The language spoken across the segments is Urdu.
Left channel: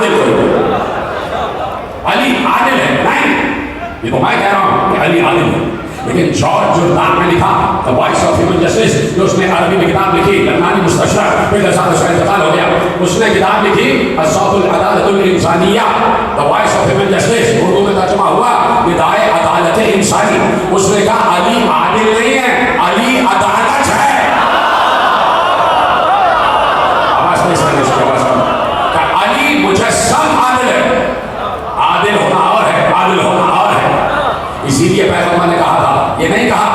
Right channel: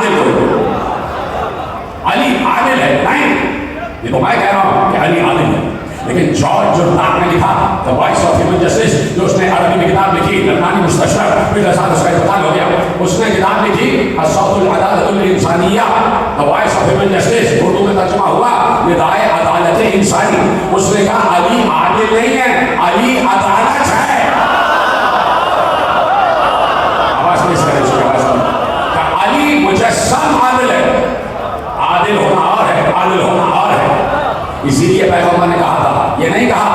عادل کوئی، علی عادل ہے نہیں، یہ تو میں کہہ رہا ہوں کہ علی عادل ہے. لیکن جارج جردان نے لکھا The Voice of Human Justice، جو اس نے عربی میں کتاب لکھی، لبنانی مستشرق، پھر لسان اس کا انتقال ہو گیا، اس نے کتاب لکھی الصوت العدالت الانسانیہ، The Voice of Human Justice، Urdu میں ترجمہ ہوا ندائے عدالت انسانی. اس نے کہا علی عادل نہیں ہے، علی عدالت ہے. آواز نہیں سکتے اس کی آواز کو کہ علی مجسم عادل ہے. عادل ہونا اور ہے، عادل ہونا اور ہے. اسی لیے پیغمبر نے کہا تھا، یہ نہیں کہا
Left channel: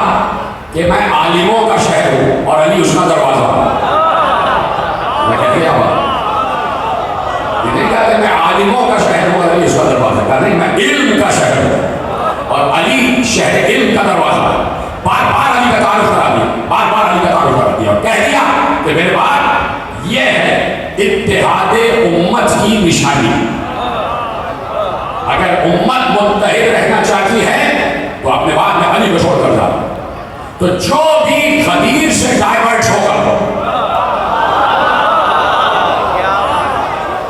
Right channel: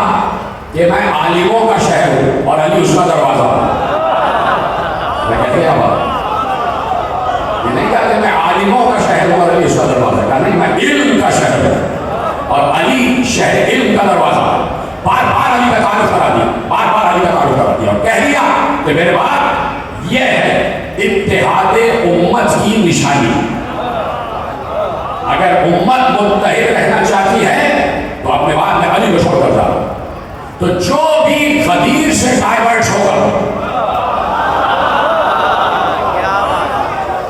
کہ میں عالموں کا شہر ہوں اور علی اس کا دروازہ ہوں. میں کہتے ہیں یہ نہیں کہا کہ میں عالموں کا شہر ہوں اور علی اس کا دروازہ. کہا نہیں، میں علم کا شہر ہوں اور علی شہر علم کا دروازہ. بار بار علی کا تعارف کرا دیا، بار بار علی کا تعارف کرا دیا اور کہہ دیا کہ میرے بات یہ ہے اتحاد امت کی نشانی. اگر امت متحد رہنا چاہتی ہے تو اپنے بعد میں علی کو چھوڑ کر جاؤ. تو جو بھی غدیر سے ڈائیورٹ ہوگا،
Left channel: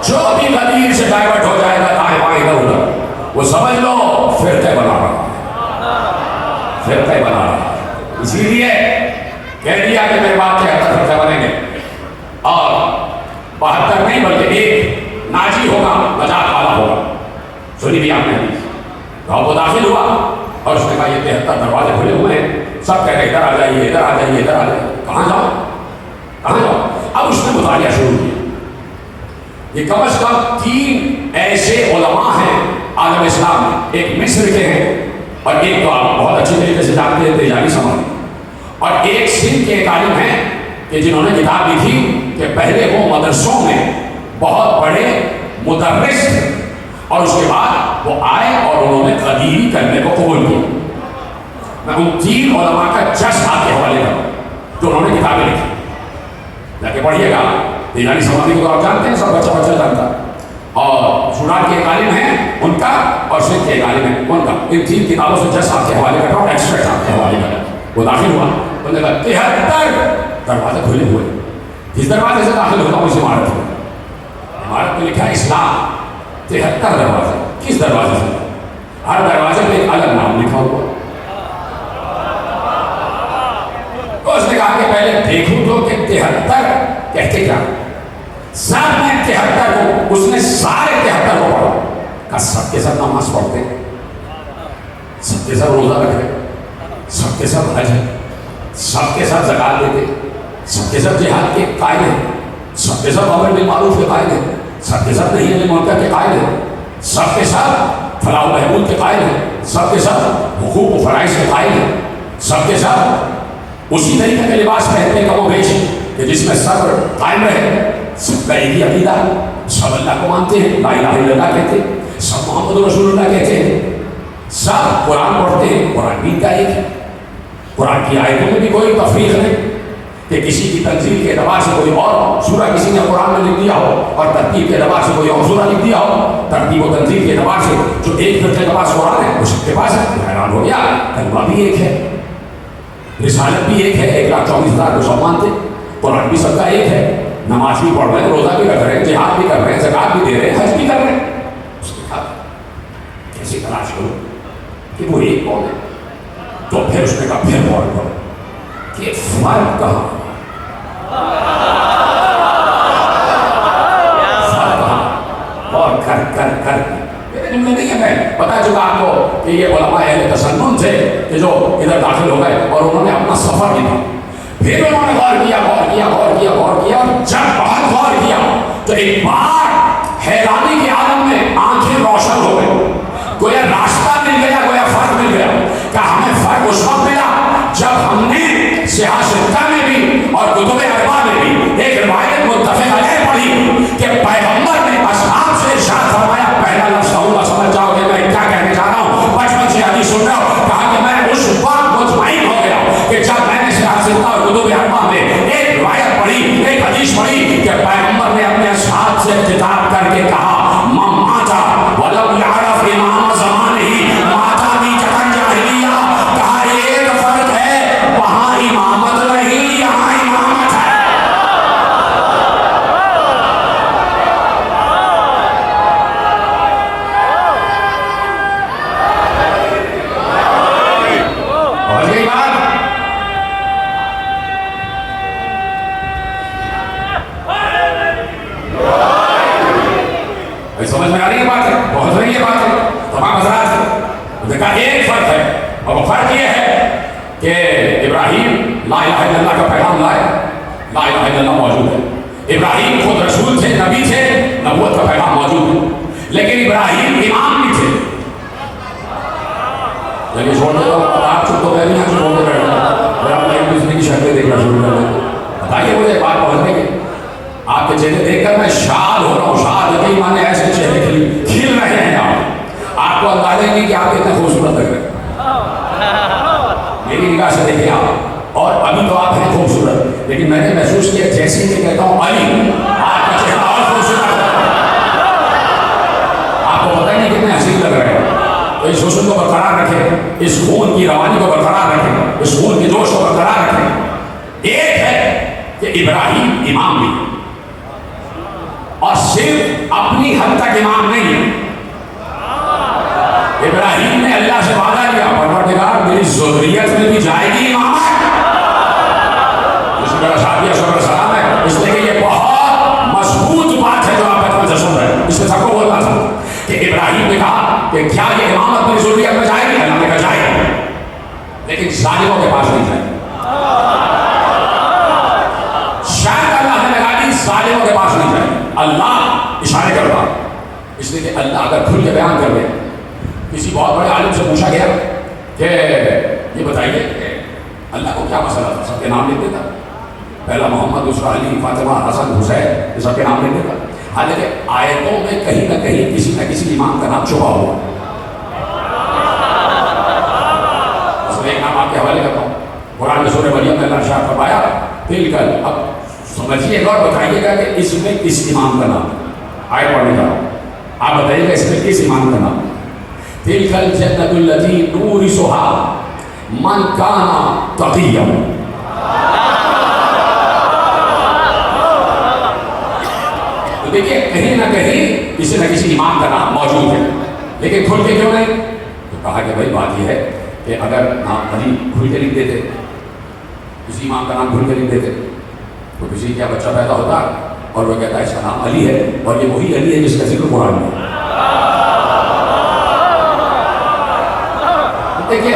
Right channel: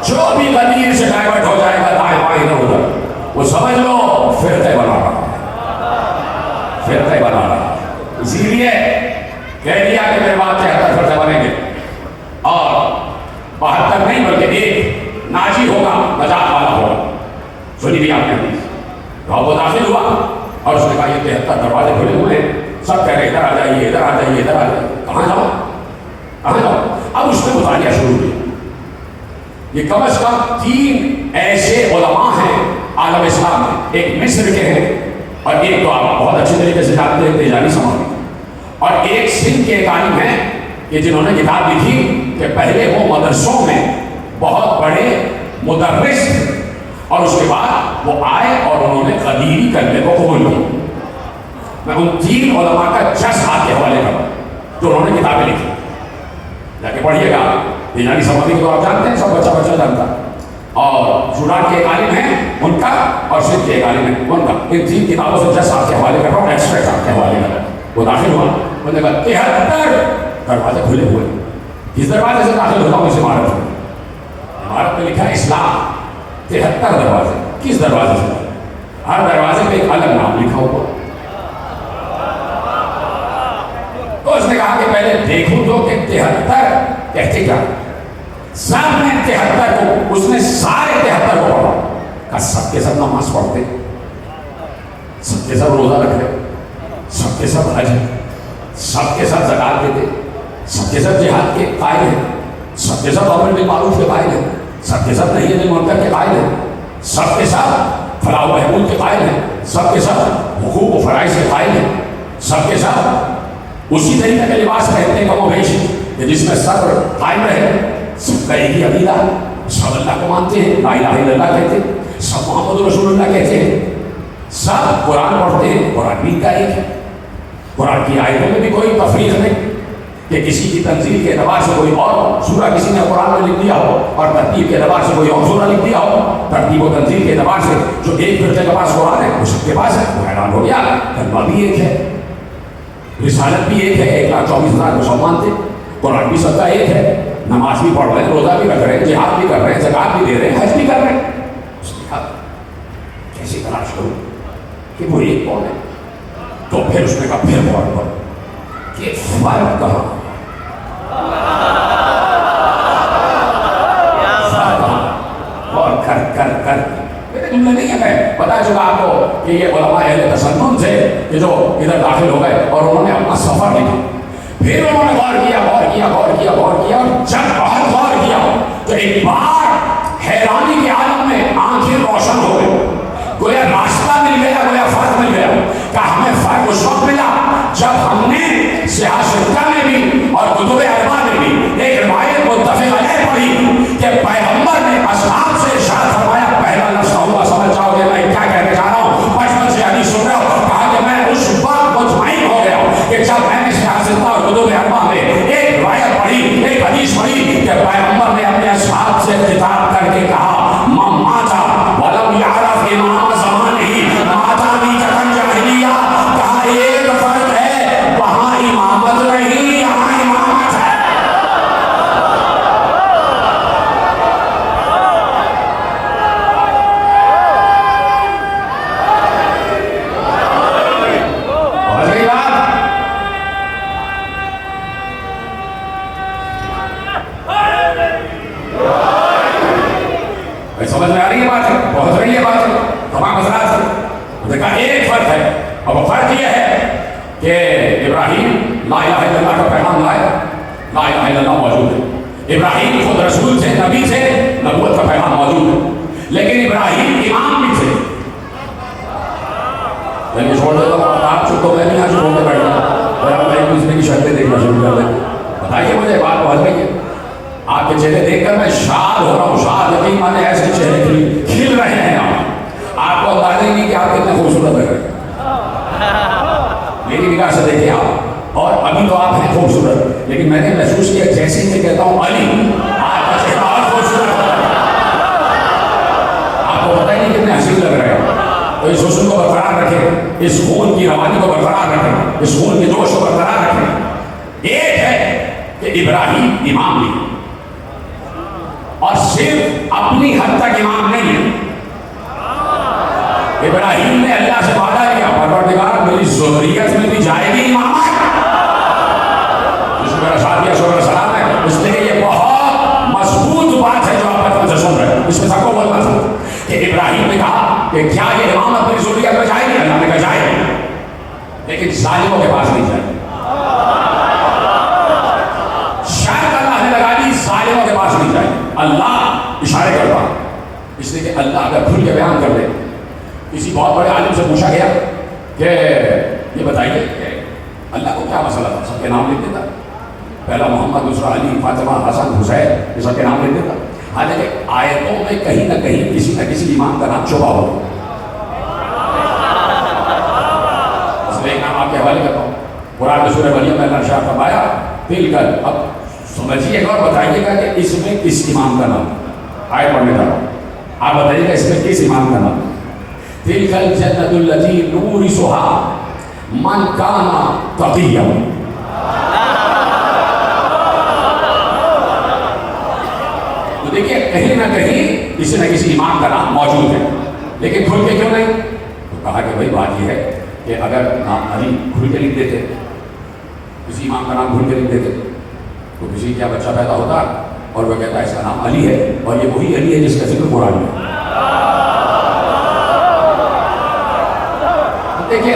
جو بھی غدیر سے ڈائیورٹ ہو جائے گا دائیں بائیں ادھر ادھر، وہ سمجھ لو فرقے بنا رہا ہے، فرقے بنا رہا ہے. اسی لیے کہہ دیا کہ میرے بعد 73 فرقے بنیں گے اور 72 نہیں بلکہ ایک ناجی ہوگا، نجات والا ہوگا. سنی بھی آپ نے وہ داخل ہوا اور اس نے کہا یہ 73 دروازے کھلے ہوئے ہیں، سب کہہ رہے ادھر آ جائیے، ادھر آ جائیے، ادھر آ جائیے. کہاں جاؤ، کہاں جاؤ؟ اب اس نے مطالعہ شروع کیا. یہ کم از کم 3 ایسے علماء ہیں عالم اسلام میں، ایک مصر کے ہیں اور ایک تو آپ بہت اچھی طریقے سے جانتے ہیں تیجانی سماوی، اور ایک سندھ کے ایک عالم ہیں کہ جنہوں نے کتاب لکھی کہ پہلے وہ مدرسوں میں بہت بڑے مدرس تھے اور اس کے بعد وہ آئے اور انہوں نے غدیری کرنے کو قبول کیا. میں ان 3 علماء کا جس آپ کے حوالے کروں تو انہوں نے کتابیں لکھی، جا کے پڑھیے گا. تیجانی سماوی کو آپ جانتے ہیں، سب بچہ جانتا ہے. اور سوڈان کے ایک عالم ہیں ان کا، اور سندھ کے ایک عالم ہیں ان کا. ان 3 کتابوں سے جس آپ کے حوالے کر رہا ہوں، ایکسٹریکٹ آپ کے حوالے کر رہا ہوں. وہ داخل ہوا، انہوں نے کہا 73 دروازے کھلے ہوئے. کس دروازے سے داخل ہوتا ہوں؟ اس عمارت میں. عمارت میں لکھا ہے اسلام. 73 دروازے. کس دروازے سے؟ ہر دروازے پہ ایک الگ نام لکھا ہوا. تو اس نے کہا کہ پہلے دیکھوں تو کہ 73 کہتے کیا. سب نے 73 کو، اس نے سارے 73 کو پڑھا. کہا سب کے سب نماز پڑھتے، سب کے سب روزہ رکھ رہے، سب کے سب حج ہے، سب کے سب زکات دیتے، سب کے سب جہاد کے قائل ہیں، سب کے سب امر بالمعروف کے قائل ہیں، سب کے سب نہی عن المنکر کے قائل ہیں، سب کے سب فلاح و بہبود کے قائل ہیں، سب کے سب حقوق و فرائض کے قائل ہیں، سب کے سب اسی طریقے کا لباس پہنتے ہیں کم و بیش کہ جس میں صبر قائم رہے. سب کا ایک ہی عقیدہ، سب اللہ کو مانتے ہیں، لا الہ الا اللہ کہتے ہیں، سب محمد رسول اللہ کہتے ہیں، سب قرآن پڑھتے ہیں. قرآن بھی کا ایک ہے. قرآن کی آیتوں میں بھی کوئی تفریق نہیں کہ کسی کی تنزیل کے اعتبار سے کوئی اور سورہ کسی نے قرآن میں لکھ دیا ہو اور ترتیب کے اعتبار سے کوئی اور سورہ لکھ دیا ہو. ترتیب و تنزیل کے اعتبار سے جو ایک فرقے کے پاس قرآن ہے وہ سب کے پاس ہے. وہ حیران ہو گیا. کلمہ بھی ایک ہے، رسالت بھی ایک ہے، 1,24,000 مسلمان تھے. قرآن بھی سب کا ایک ہے، نماز بھی پڑھ رہے ہیں، روزہ بھی رکھ رہے ہیں، جہاد بھی کر رہے ہیں، زکات بھی دے رہے ہیں، حج بھی کر رہے ہیں. کیسے تلاش کروں کہ وہ ایک کون ہے؟ تو پھر اس نے کہا پھر غور کرو کہ فرق کہاں، اور کر میرے جملے نہیں ہے. میں پتا چلا آپ کو کہ یہ علماء اہل تسنن تھے کہ جو ادھر داخل ہو گئے اور انہوں نے اپنا سفر لکھا. پھر انہوں نے غور کیا اور جب بہت غور کیا تو ایک بار حیرانی کے عالم میں آنکھیں روشن ہو گئی. گویا راستہ مل گیا، گویا فرق مل گیا. کہ ہمیں فرق اس وقت ملا جب ہم نے سیاستہ میں بھی اور کتب اربعہ میں بھی ایک روایت متفق علیہ پڑھی کہ پیغمبر نے اصحاب سے ارشاد فرمایا، پہلا لفظ کہوں گا سمجھ جاؤ گے میں کیا کہنے جا رہا ہوں. بچپن سے حدیث سن رہے ہو. کہا کہ میں اس وقت مطمئن ہو گیا کہ جب میں نے سیاستہ اور کتب اربعہ میں ایک روایت پڑھی، ایک حدیث پڑھی کہ پیغمبر نے اپنے اصحاب سے خطاب کر کے کہا ماتا ولم یعرف امام زمان ہی ماتا بھی جہاں جاہلیہ. کہا ایک فرق ہے، وہاں امامت نہیں، یہاں امامت ہے. سمجھ میں آ رہی ہے بات ہے؟ بہت رہی ہے بات ہے تمام حضرات سے. دیکھا ایک فرق ہے اور وہ فرق یہ ہے کہ ابراہیم لا الہ الا اللہ کا پیغام لائے. لا الہ الا اللہ موجود ہے. ابراہیم خود رسول تھے، نبی تھے، نبوت کا پیغام موجود ہے. لیکن ابراہیم امام بھی تھے. چلیے چھوڑ دیتا ہوں، آپ چپ تو میں بھی یہاں سے بولتے بیٹھتا ہوں اور میں ایک دوسرے کی شکلیں دیکھنا شروع کر دیتا. بتائیے مجھے ایک بات پہنچ رہی ہے، آپ کے چہرے دیکھ کر میں شاد ہو رہا ہوں. شاد یقین مانے ایسے چہرے کھل رہے ہیں. آپ کو اندازہ ہی نہیں کہ آپ کتنے خوبصورت لگ رہے ہیں. میری نگاہ سے دیکھیں آپ، اور ابھی تو آپ ہیں خوبصورت، لیکن میں نے محسوس کیا جیسے کہ کہتا ہوں علی آپ کا چہرہ اور خوبصورت ہے. آپ کو پتہ ہی نہیں کتنے حسین لگ رہے ہیں. تو اس حسن کو برقرار رکھیں، اس خون کی روانی کو برقرار رکھیں، اس خون کے جوش کو برقرار رکھیں. ایک ہے کہ ابراہیم امام بھی، اور صرف اپنی حد تک امام نہیں ہے. ابراہیم نے اللہ سے وعدہ کیا پروردگار میری ذریت میں بھی جائے گی امام. جس میں میرا شادیہ صلی سلام ہے، اس لیے کہ یہ بہت مضبوط بات ہے جو آپ اپنے سے سن رہے ہیں. اس میں سب کو بولنا تھا کہ ابراہیم نے کہا کہ کیا یہ امامت میری ذریت میں جائے گی؟ اللہ نے کہا جائے گی، لیکن ظالموں کے پاس نہیں جائے. شاید اللہ نے لگا دی ظالموں کے پاس نہیں جائے. اللہ اشارے کرتا، اس لیے کہ اللہ اگر کھل کے بیان کر دے. کسی بہت بڑے عالم سے پوچھا گیا کہ یہ بتائیے کہ اللہ کو کیا مسئلہ تھا؟ سب کے نام لکھ دیتا، پہلا محمد، دوسرا علی، فاطمہ، حسن، حسین، یہ سب کے نام لکھ دیتا. حالانکہ آیتوں میں کہیں نہ کسی امام کا نام چھپا ہوا. اس میں ایک نام آپ کے حوالے کرتا ہوں. قرآن میں سورہ مریم میں اللہ شاہ فرمایا پھر کر. اب سمجھیے اور بتائیے گا کہ اس میں کس امام کا نام؟ آیت پڑھنے کا آپ بتائیے گا اس میں کس امام کا نام؟ تلک الجنۃ التي نورثها من كان تقيا. تو دیکھیے کہیں نہ کہیں کسی نہ کسی امام کا نام موجود ہے، لیکن کھل کے کیوں نہیں؟ تو کہا کہ بھائی بات یہ ہے کہ اگر نام علی کھل کے لکھ دیتے، کسی امام کا نام کھل کے لکھ دیتے، تو کسی کا بچہ پیدا ہوتا اور وہ کہتا ہے اس کا نام علی ہے، اور یہ وہی علی ہے جس کا ذکر قرآن میں. دیکھیے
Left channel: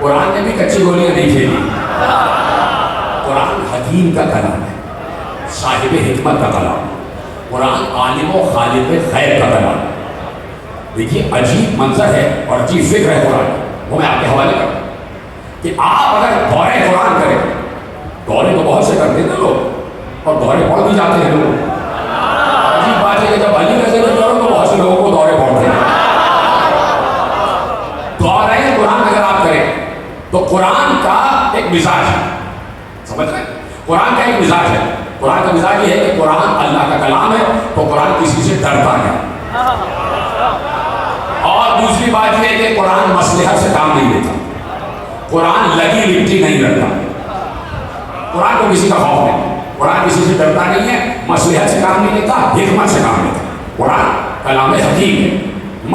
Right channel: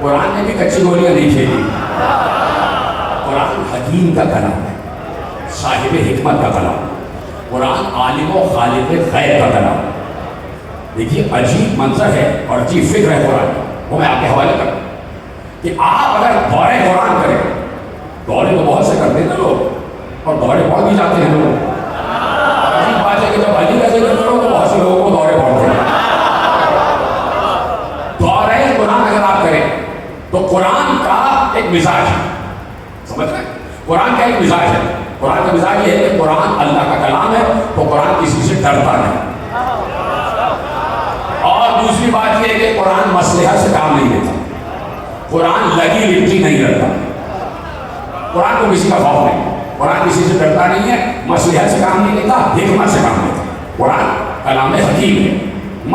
قرآن نے بھی کچی گولیاں نہیں کھیلی. قرآن حکیم کا کلام ہے، صاحب حکمت کا کلام. قرآن عالم و خالق غیب کا کلام. دیکھیے عجیب منظر ہے اور عجیب فکر ہے قرآن. وہ میں آپ کے حوالے کرتا ہوں کہ آپ اگر دورے قرآن کریں، دورے تو بہت سے کرتے ہیں نا لوگ، اور دورے پڑھ بھی جاتے ہیں لوگ. عجیب بات ہے کہ جب علی کا ذکر کرو تو بہت سے لوگوں کو دورے پڑھتے ہیں. قرآن اگر آپ کریں تو قرآن کا ایک مزاج ہے، سمجھ رہے ہیں؟ قرآن کا ایک مزاج ہے. قرآن کا مزاج یہ ہے کہ قرآن اللہ کا کلام ہے تو قرآن کسی سے ڈرتا نہیں. اور دوسری بات یہ ہے کہ قرآن مصلحت سے کام نہیں لیتا. قرآن لگی لپٹی نہیں رکھتا. قرآن کو کسی کا خوف نہیں. قرآن کسی سے ڈرتا نہیں ہے، مصلحت سے کام نہیں لیتا، حکمت سے کام لیتا. قرآن کلام حکیم ہے،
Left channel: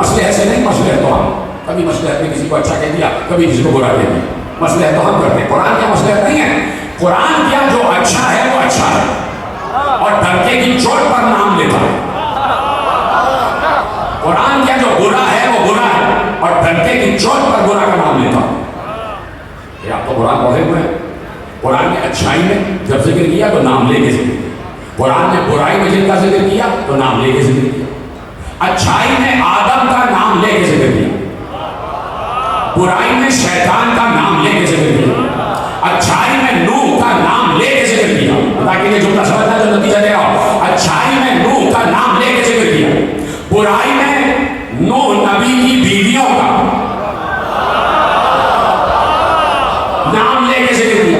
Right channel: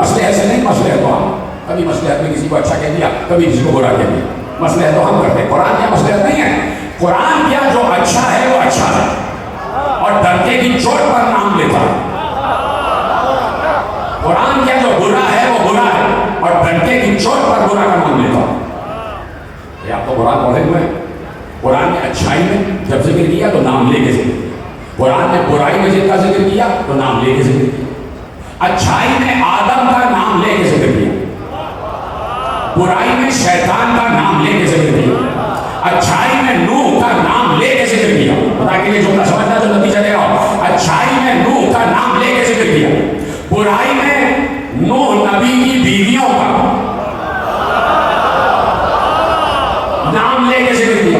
مصلحت سے نہیں. مصلحت تو ہم کبھی مصلحت نے کسی کو اچھا کہہ دیا، کبھی کسی کو برا کہہ دیا. مصلحت تو ہم کرتے ہیں. قرآن کیا مصلحت نہیں ہے. قرآن کیا جو اچھا ہے وہ اچھا ہے، اور ڈرتے کی چوٹ پر نام لیتا ہے. قرآن کیا جو برا ہے وہ برا ہے، اور ڈرتے کی چوٹ پر برا کا نام لیتا ہے. یہ آپ کو قرآن پڑھے ہوئے ہیں. قرآن نے اچھائی میں جب ذکر کیا تو نام لے کے ذکر کیا. قرآن نے برائی میں جن کا ذکر کیا تو نام لے کے ذکر کیا. اچھائی میں آدم کا نام لے کے ذکر کیا، برائی میں شیطان کا نام لے کے ذکر کیا، اچھائی میں نوح کا نام لے کے ذکر کیا. تاکہ یہ جملہ سمجھنا جو نتیجہ دے رہا. اچھائی میں نوح کا نام لے کے ذکر کیا، برائی میں نوح نبی کی بیویوں کا نام لے کے ذکر کیا،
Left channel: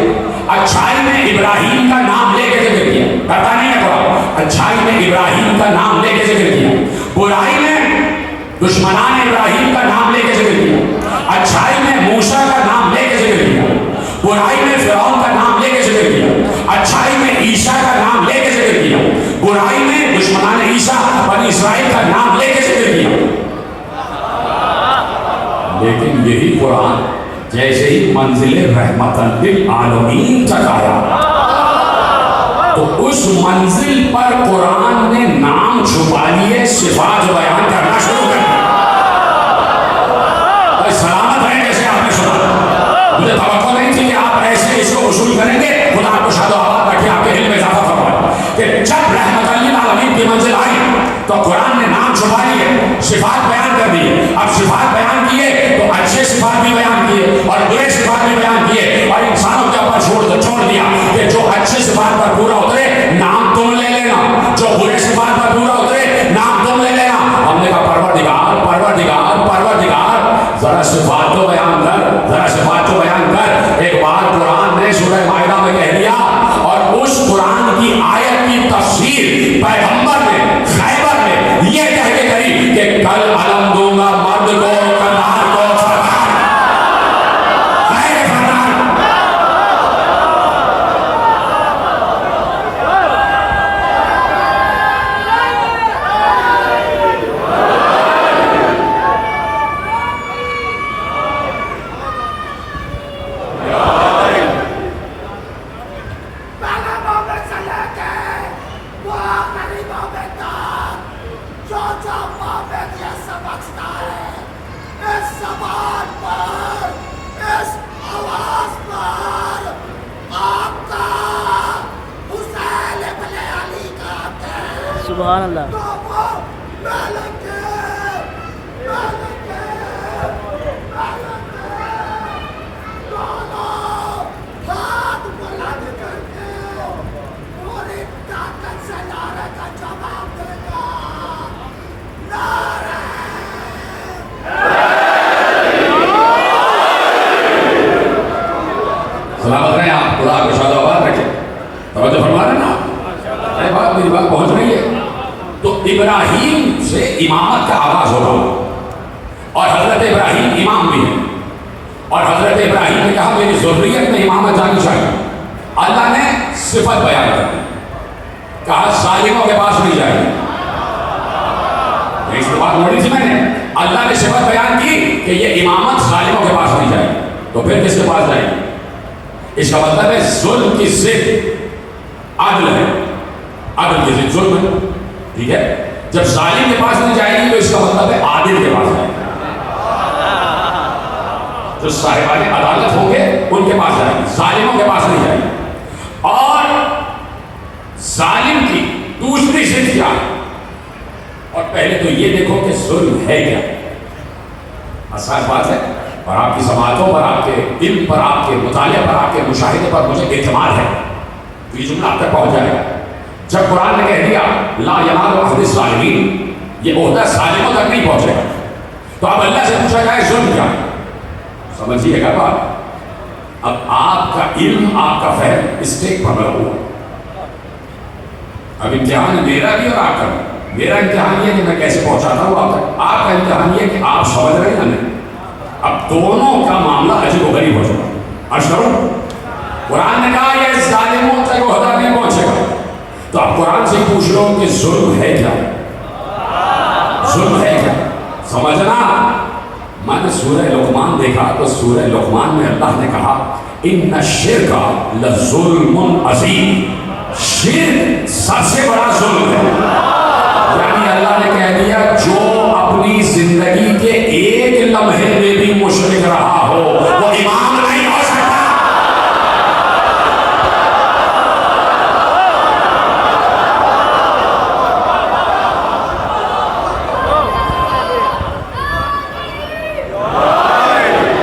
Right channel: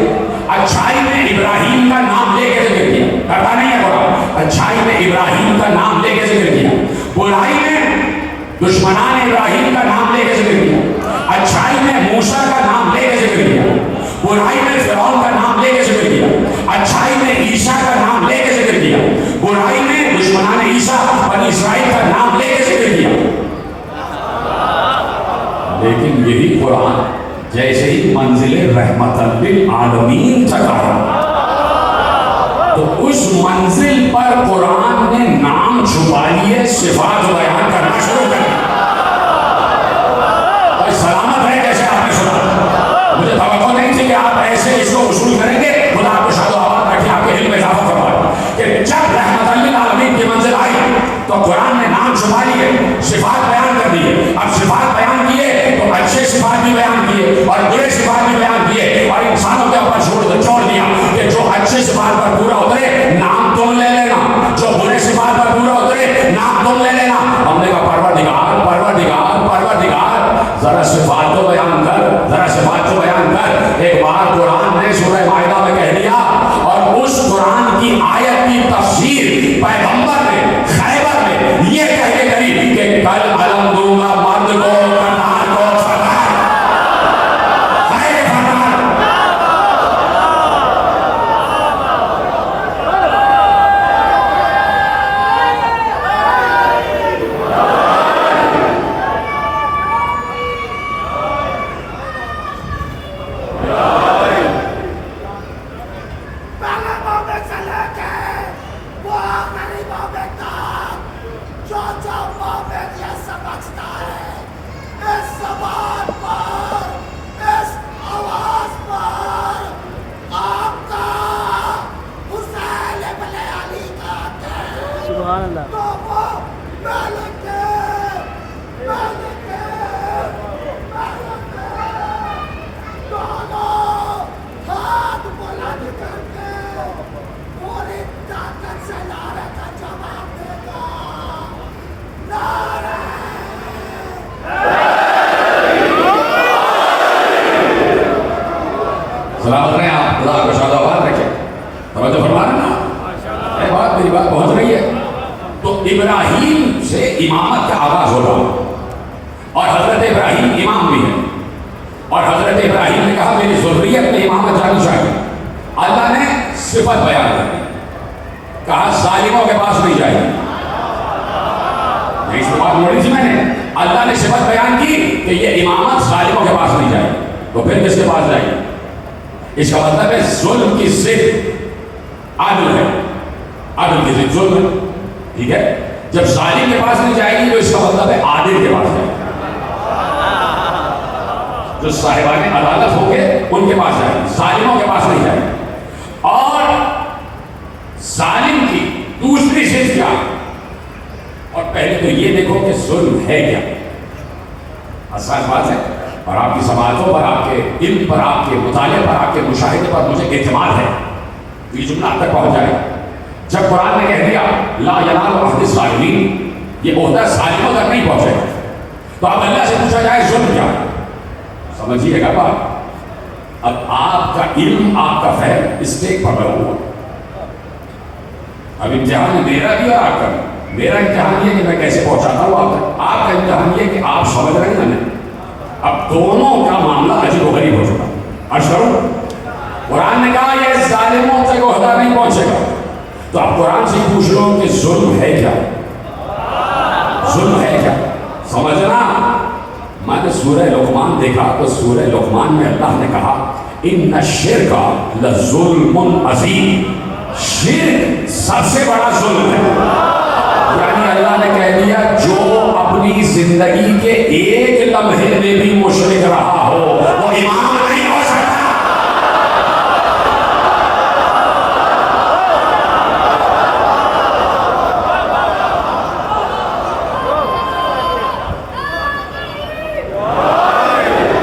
اچھائی میں ابراہیم کا نام لے کے ذکر کیا. پتا نہیں ہے تھوڑا. اچھائی میں ابراہیم کا نام لے کے ذکر کیا، برائی میں دشمنان ابراہیم کا نام لے کے ذکر کیا. اچھائی میں موسیٰ کا نام لے کے ذکر کیا، برائی میں فرعون کا نام لے کے ذکر کیا. اچھائی میں عیسیٰ کا نام لے کے ذکر کیا، برائی میں دشمنان عیسیٰ بنی اسرائیل کا نام لے کے ذکر کیا. لیکن یہی قرآن جیسے ہی منزل رحمت للعالمین تک آیا، تو اس منزل پر قرآن نے نام چھپا لیے، صفات بیان کرنا شروع کر دیا۔ اور سلامت ہے کیسے آپ نے سنا؟ مجھے توقع نہیں تھی کہ آپ ایسے اس کو اصول کریں گے۔ خدا آپ کو شاد و آباد رکھے، آپ کے علم میں اضافہ فرمائے کہ جب رحمت للعالمین کی منزل آئی تو قرآن نے نام چھپا لیے، صفات بیان کر دیے۔ اب صفات بیان کیے تو اچھے صفات بھی بیان کیے اور برے صفات بھی بیان کیے، اور انسانوں کے اوپر چھوڑ دیا کہ جو اچھے صفات پر پورا اترے نام تم لے لینا، جو برے صفات پر پورا اترے نام تم لے لینا۔ ہم نے کہا پروردگار پروردگار پروردگار ذرا صفات تو بیان کر، ذرا صفات تو بیان کر۔ ایک بار قرآن نے سورہ مائدہ میں کہہ دیا، اور اس قرآن کی آیت کی تفسیر پیغمبر نے خیبر میں یہ کہہ کے کری کہ کل علم دوں گا مرد کو کنعان کو فرمان خیر فرمان۔ سبحان اللہ۔ سلامت رہیں آپ، خدا آپ کو شاد و آباد رکھے۔ توجہ فرما رہے ہیں نا؟ میری بات پہنچ رہی ہے؟ تو ابراہیم سے امامت کا آغاز ہو رہا، اور حضرت ابراہیم امام بھی ہیں، اور حضرت ابراہیم نے کہا میری ذریت میں امامت جانی چاہیے۔ اللہ نے صفت بیان کر دی، کہا ظالموں کے پاس نہیں جائے گی۔ اس بات لڑی تھی میں نے، اللہ نے صفت بیان کی کہ یہ امامت ظالموں کے پاس نہیں جائے گی، تو پھر کس کے پاس جائے گی؟ اس کا مطلب ہے ظلم کی ضد عدل ہے، عدل کی ضد ظلم ہے، ٹھیک ہے؟ جب ظالم کے پاس نہیں جائے گی تو اس کا مطلب ہے عادل کے پاس جائے گی، جو صاحبان عدالت ہوں گے ان کے پاس جائے گی، ظالموں کے پاس نہیں جائے گی۔ اور ظالم کی دوسری ضد کیا ہے؟ اور پہلے تو یہ دیکھو کہ ظلم ہے کیا، اساس بات ہے، اور آپ کی سماعتوں پر، آپ کے علم پر، آپ کے مطالعے پر، آپ کے مشاہدے پر مجھے اعتماد ہے، یہ جملہ آپ تک پہنچ جائے گا۔ جب قرآن نے کہہ دیا لا ینال عہد الظالمین، یہ عہدہ ظالموں تک نہیں پہنچے گا، تو اب اللہ سے پوچھا جائے ظلم کیا؟ سمجھیے گا بات، اب آپ کا علم، آپ کا فہم اسٹیک پر لگا ہوا۔ اب امتحان میرا بھی اور آپ کا بھی۔ میرا امتحان یہ کہ میں کیسے پہنچاتا ہوں آپ تک، آپ کا امتحان یہ کہ آپ سمجھ رہے ہیں ہمیں۔ اب دونوں کا معاملہ عجیب و غریب ہو چکا۔ عرض کروں، قرآن نے کہا یہ ظالموں تک عہدہ نہیں پہنچے گا، تو آپ قرآن سے پوچھ لو کہ ظلم ہے کیا؟ ظلم ہے کیا؟ سمجھنا۔ میں نے سورہ لقمان دیکھا تو سورہ لقمان میں اللہ نے کہا ان الشرک لظلم عظیم، شرک سب سے بڑا ظلم ہے۔ یعنی اللہ نے کہہ دیا جو اپنی زندگی کے ایک لمحے میں بھی مشرک رہا ہو وہ امام نہیں ہو سکتا۔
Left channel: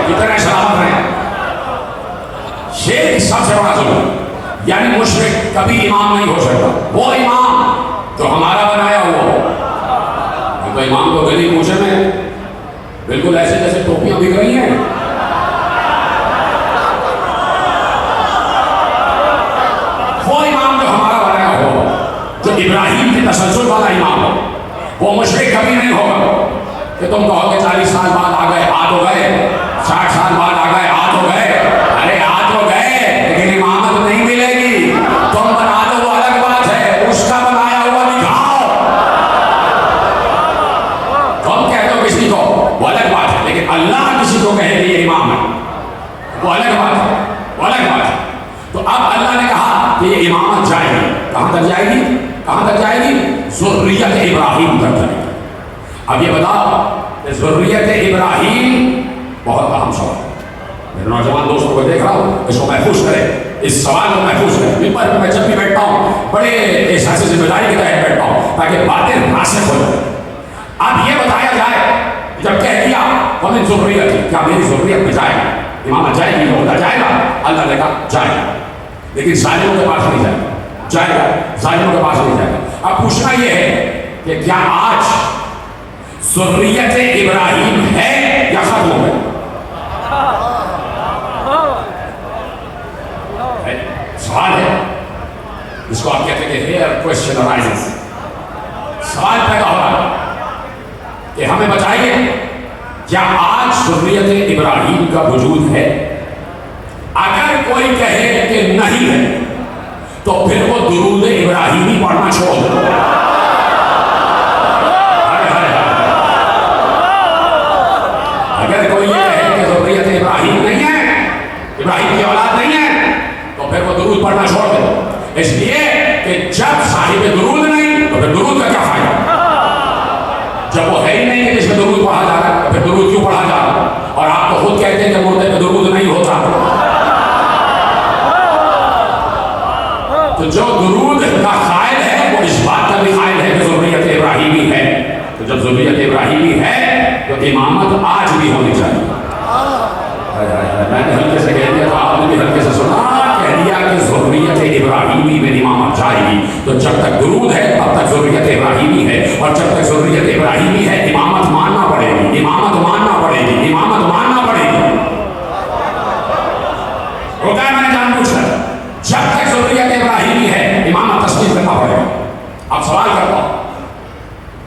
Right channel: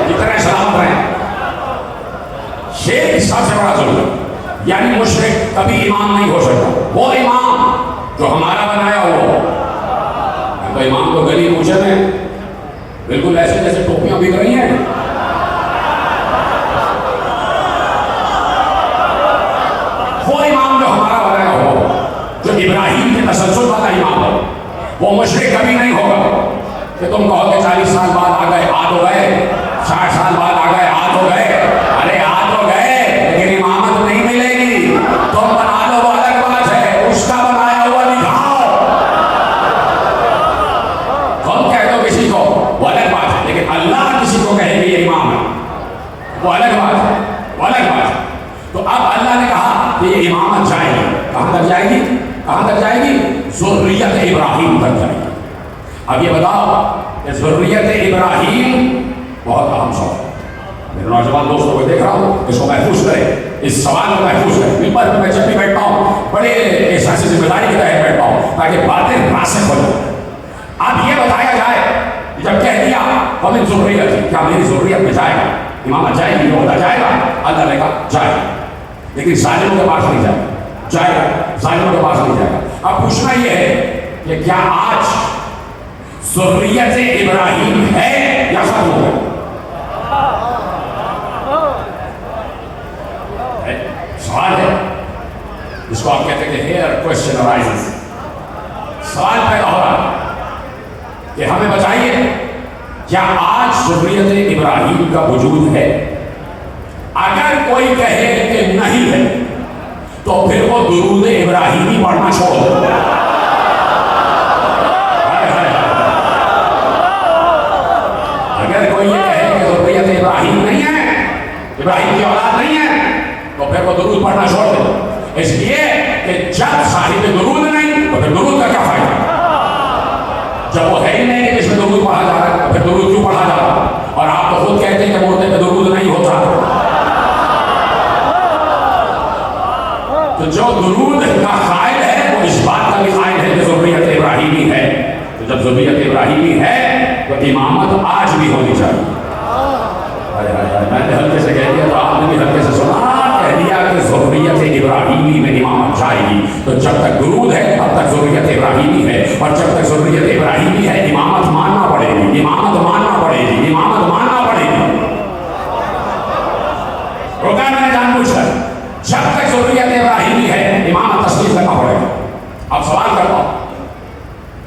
کتنے سلامت ہیں؟ شرک سب سے بڑا ظلم ہے، یعنی مشرک کبھی امام نہیں ہو سکتا۔ وہ امام جو ہمارا بنایا ہوا، تو امام کو گلی کوچے میں بالکل ایسے جیسے ٹوپیاں بک رہی ہیں، وہ امام جو ہمارا بنایا ہو، جو ابراہیم کے تسلسل والا امام ہو، وہ مشرک کبھی نہیں ہوگا کہ تم کہو کہ 40 سال بعد آ گئے، آ تو گئے، 60 سال بعد آ گئے، آ تو گئے، ارے آ تو گئے لیکن امامت نہیں ملے گی۔ تم بنا دو وہ الگ بات ہے، اس کا بنایا ہوا دکھاؤ، تم کہہ دو کسی کو وہ الگ بات ہے، لیکن اللہ کسی کو کہے کہ یہ امام ہے وہ الگ بات ہے، وہ الگ بات ہے۔ تو اب اللہ نے کہا کہ یہ امامت جائے گی، کہاں تک جائے گی؟ کہاں تک جائے گی؟ ذریت ابراہیم تک جائے گی۔ اب یہ بتاؤ کہ ذریت ابراہیم بہت اہم سوال ہے۔ میرے نوجوان دوستوں کو دیکھ رہا ہوں، اس کو محفوظ کرے، اس سوال کو محفوظ کرے۔ ممبر پہ میں جب بھی بیٹھتا ہوں بڑے احساس ذمہ داری کے تحت بیٹھتا ہوں تاکہ باتیں راسخ ہو جائیں۔ اب یہ بتایا جائے، جب کہہ دیا ومن ذریت، کیا میری ذریت میں جائے گا؟ امامت جائے گی؟ ہوتا جائے گا؟ اللہ نے کہا جائے گا، لیکن ظالموں کے پاس نہیں جائے گا۔ جائے گا، ظالموں کے پاس نہیں جائے گا۔ اب پوچھنا یہ ہے کہ کیا آج ذریت ابراہیم ہے یا ختم ہو گئی؟ سوال ہے جس کو آپ کہتے ہیں کہ here question arises، سوال پیدا ہو رہا کہ ہمیں بتائیے کیا آج ذریت ابراہیم کا وجود ہے؟ اگر کوئی کہے کہ نہیں ہے تو پھر وہ درود ابراہیمی پڑھنا چھوڑ دے۔ اگر کوئی یہ کہے کہ ذریت ابراہیم نہیں ہے، ابراہیم کی اولاد نہیں ہے، تو پھر وہ درود پڑھنا چھوڑ دے۔ اس لیے کہ جب صاحب درود نہیں تو پھر درود کا کیا فائدہ؟ جب وہ ہے ہی نہیں کہ جس میں درود پڑھا جا رہا ہے تو پھر درود کیوں پڑھا جا رہا ہے؟ اور آپ تو خود کہتے ہیں کہ مردے پہ درود نہیں ہوتا۔ تو جو درود کا قائل ہے وہ اس بات کا بھی قائل ہے کہ ذریت ابراہیمی ہے۔ تو جب ذریت ابراہیمی ہے تو امامت آج بھی ہونی چاہیے۔ میں نے ہلکے سے کہہ دیا تھا، آپ نے بھی ہلکے سے سنا، کہہ دیا کہ ذریت ابراہیمی میں امامت جائے گی۔ تو جب تک درود ہے تب تک ذریت ابراہیمی ہے، اور جب تک ذریت ابراہیمی ہے امامت ماننا پڑے گی، امامت ماننا پڑے گی، امامت ماننا پڑے گی۔ ہوتا ہے میں جان بوجھ کر، جب تک ذریت ابراہیمی ہے امامت تسلیم کرنا پڑے گا۔ اب سوال کرتا ہوں،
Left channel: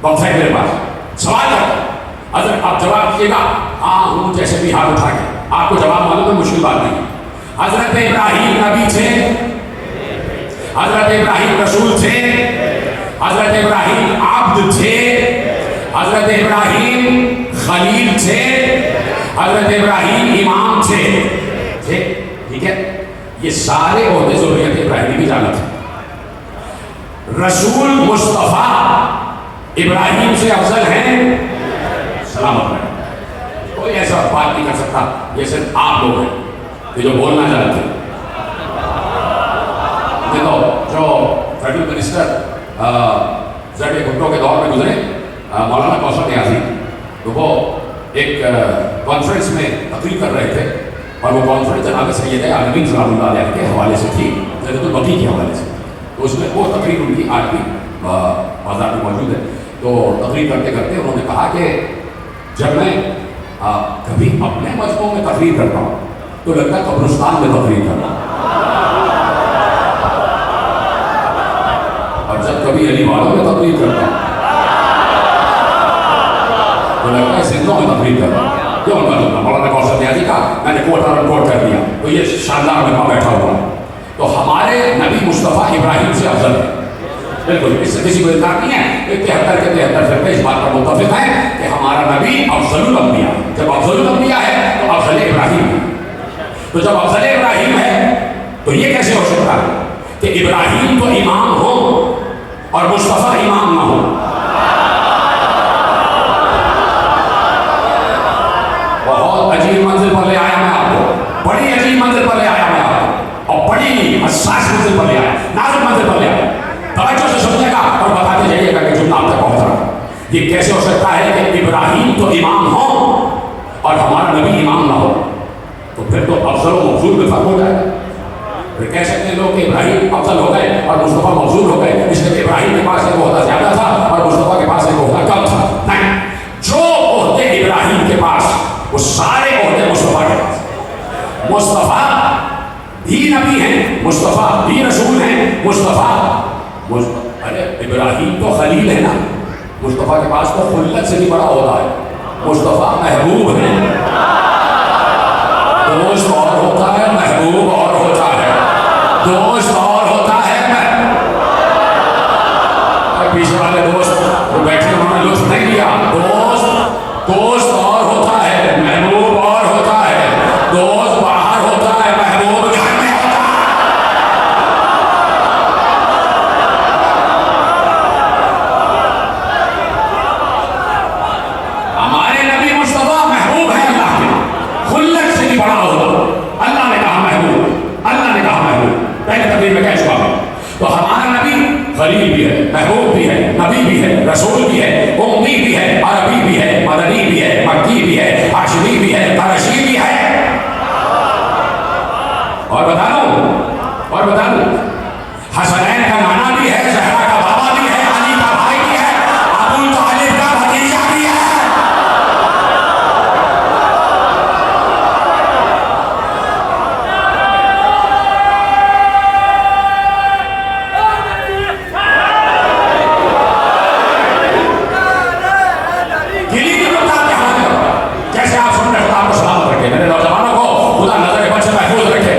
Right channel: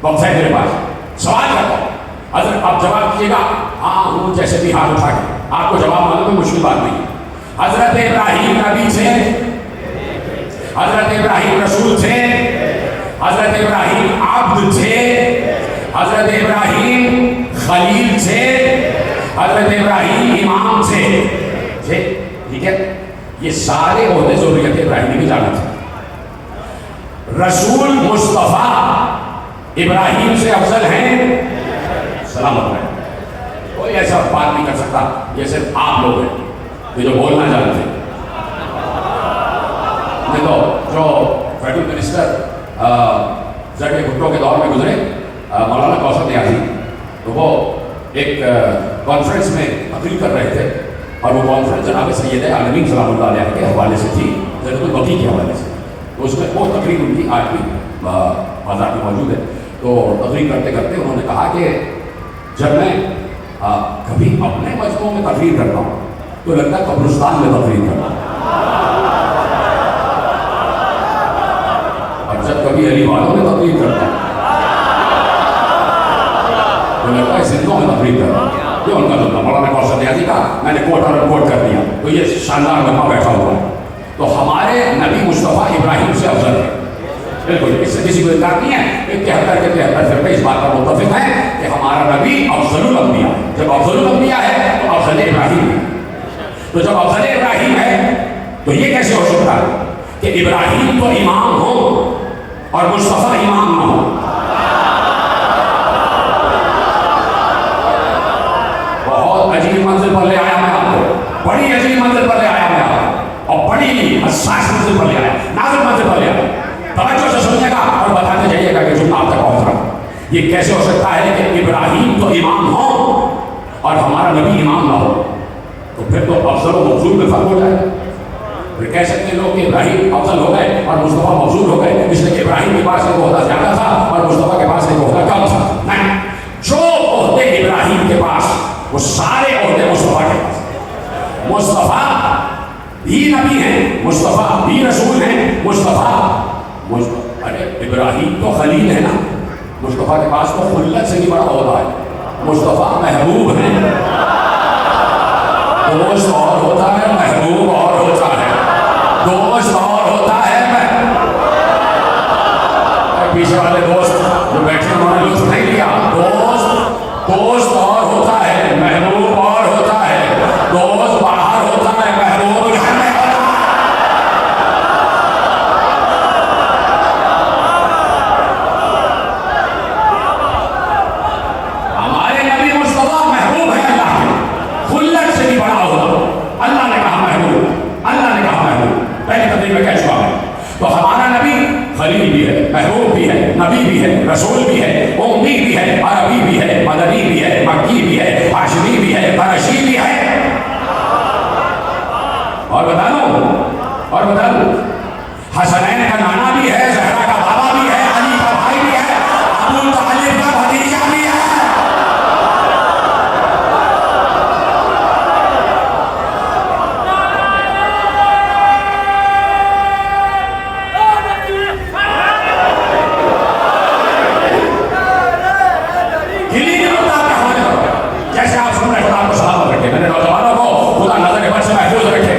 وقت ہے میرے پاس، سوال کرتا ہوں، حضرت آپ جواب کیجیے گا ہاں ہوں جیسے بھی ہاتھ اٹھا کے، آپ کو جواب معلوم ہے، مشکل بات نہیں۔ حضرت ابراہیم نبی تھے، حضرت ابراہیم رسول تھے، حضرت ابراہیم عبد تھے، حضرت ابراہیم خلیل تھے، حضرت ابراہیم امام تھے، ٹھیک ہے؟ یہ سارے عہدے ذریت ابراہیم کی جانت ہے۔ رسول مصطفیٰ ابراہیم سے افضل ہیں؟ سلامت رہے، کوئی ایسا بات نہیں کر سکتا جیسے آپ لوگ ہیں کہ جو بولنا جانتے ہیں۔ دیکھو جو فیڈرل منسٹر زیڈی بھٹو کے دور میں گزرے مولانا کوثر نیازی، تو وہ ایک کانفرنس میں تقریر کر رہے تھے، اور وہ کانفرنس جناب سید عالمین صلی اللہ علیہ کے حوالے سے تھی، جنت البقیع کے حوالے سے۔ تو اس میں وہ تقریر ان کی آج بھی بازار میں موجود ہے۔ تو تقریر کرتے کرتے انہوں نے کہا کہ جب میں کبھی اپنے مذہبوں میں تقریر کرتا ہوں تو لگتا ہے قبرستان میں تقریر کرتا ہوں، اور جب کبھی علی والوں میں تقریر کرتا ہوں تو لگتا ہے زندوں میں تقریر کرتا ہوں۔ یہ ان کا جملہ مولانا کوثر نیازی کا، میں نے کوٹ اور کوٹ کر دیا، تو یہ شاندار لمحہ بیٹھا ہوا ہے۔ تو ہمارے نبی مصطفیٰ ابراہیم سے افضل ہے، بالکل اس سے کسی کو انکار نہیں ہے۔ 73 کے 73 فرقے اس بات پر متفق ہیں کہ ہمارا نبی افضل الانبیاء، جب افضل الانبیاء ہے تو افضل ابراہیم ہے۔ تو جب افضل ابراہیم ہے تو یہ کیسے ہو سکتا ہے کہ ابراہیم تو امام ہو اور مصطفیٰ امام نہ ہو؟ بہت عجیب منزل پر لے آیا میں آپ کو، بڑی عجیب منزل پر لے آیا میں آپ کو، اور بڑی حساس منزل پر لے آیا، نازک منزل پر لے آیا۔ توجہ سے سنیے گا اور بتاتے جائیے گا کہ جملہ آپ تک پہنچ رہا ہے۔ یہ کیسے ہو سکتا ہے کہ ابراہیم تو امام ہو اور ہمارا نبی امام نہ ہو؟ تو پھر تو افضل و مفضول میں فرق ہو جائے گا۔ پھر کہہ سکتے لوگ کہ ابراہیم افضل ہو گئے اور مصطفیٰ مفضول ہو گئے، اس لیے کہ ابراہیم کے پاس ایک عہدہ زیادہ تھا اور مصطفیٰ کے پاس ایک عہدہ کم تھا۔ نہیں، جو عہدے ابراہیم کے پاس وہ سارے عہدے مصطفیٰ کے پاس۔ مصطفیٰ بھی نبی ہیں، مصطفیٰ بھی رسول ہیں، ارے ابراہیم تو خلیل ہے نا، مصطفیٰ کے پاس تو خلت سے بھی بڑا عہدہ ہے، مصطفیٰ محبوب ہے۔ دوست اور ہوتا ہے، محبوب اور ہوتا ہے، دوست اور ہوتا ہے۔ پیچھے والے دوست جو بیٹھے انہوں نے لطف نہیں لیا، دوست اور ہوتا ہے، محبوب اور ہوتا ہے، دوست باہر ہوتا ہے، محبوب گھر میں ہوتا ہے۔ رسول بھی ہے، امی بھی ہے، عربی بھی ہے، مدنی بھی ہے، مکی بھی ہے، ہاشمی بھی ہے، قریشی بھی ہے۔ اور بتا دوں حسنین کا نانا بھی ہے، زہرا کا بابا بھی ہے، علی کا بھائی بھی ہے، ابو طالب کا بھتیجا بھی ہے۔ جیسے آپ سن رہے خدا آپ کو سلامت رکھے، میرے نوجوانوں کو خدا نظر کے بد سے محفوظ رکھے،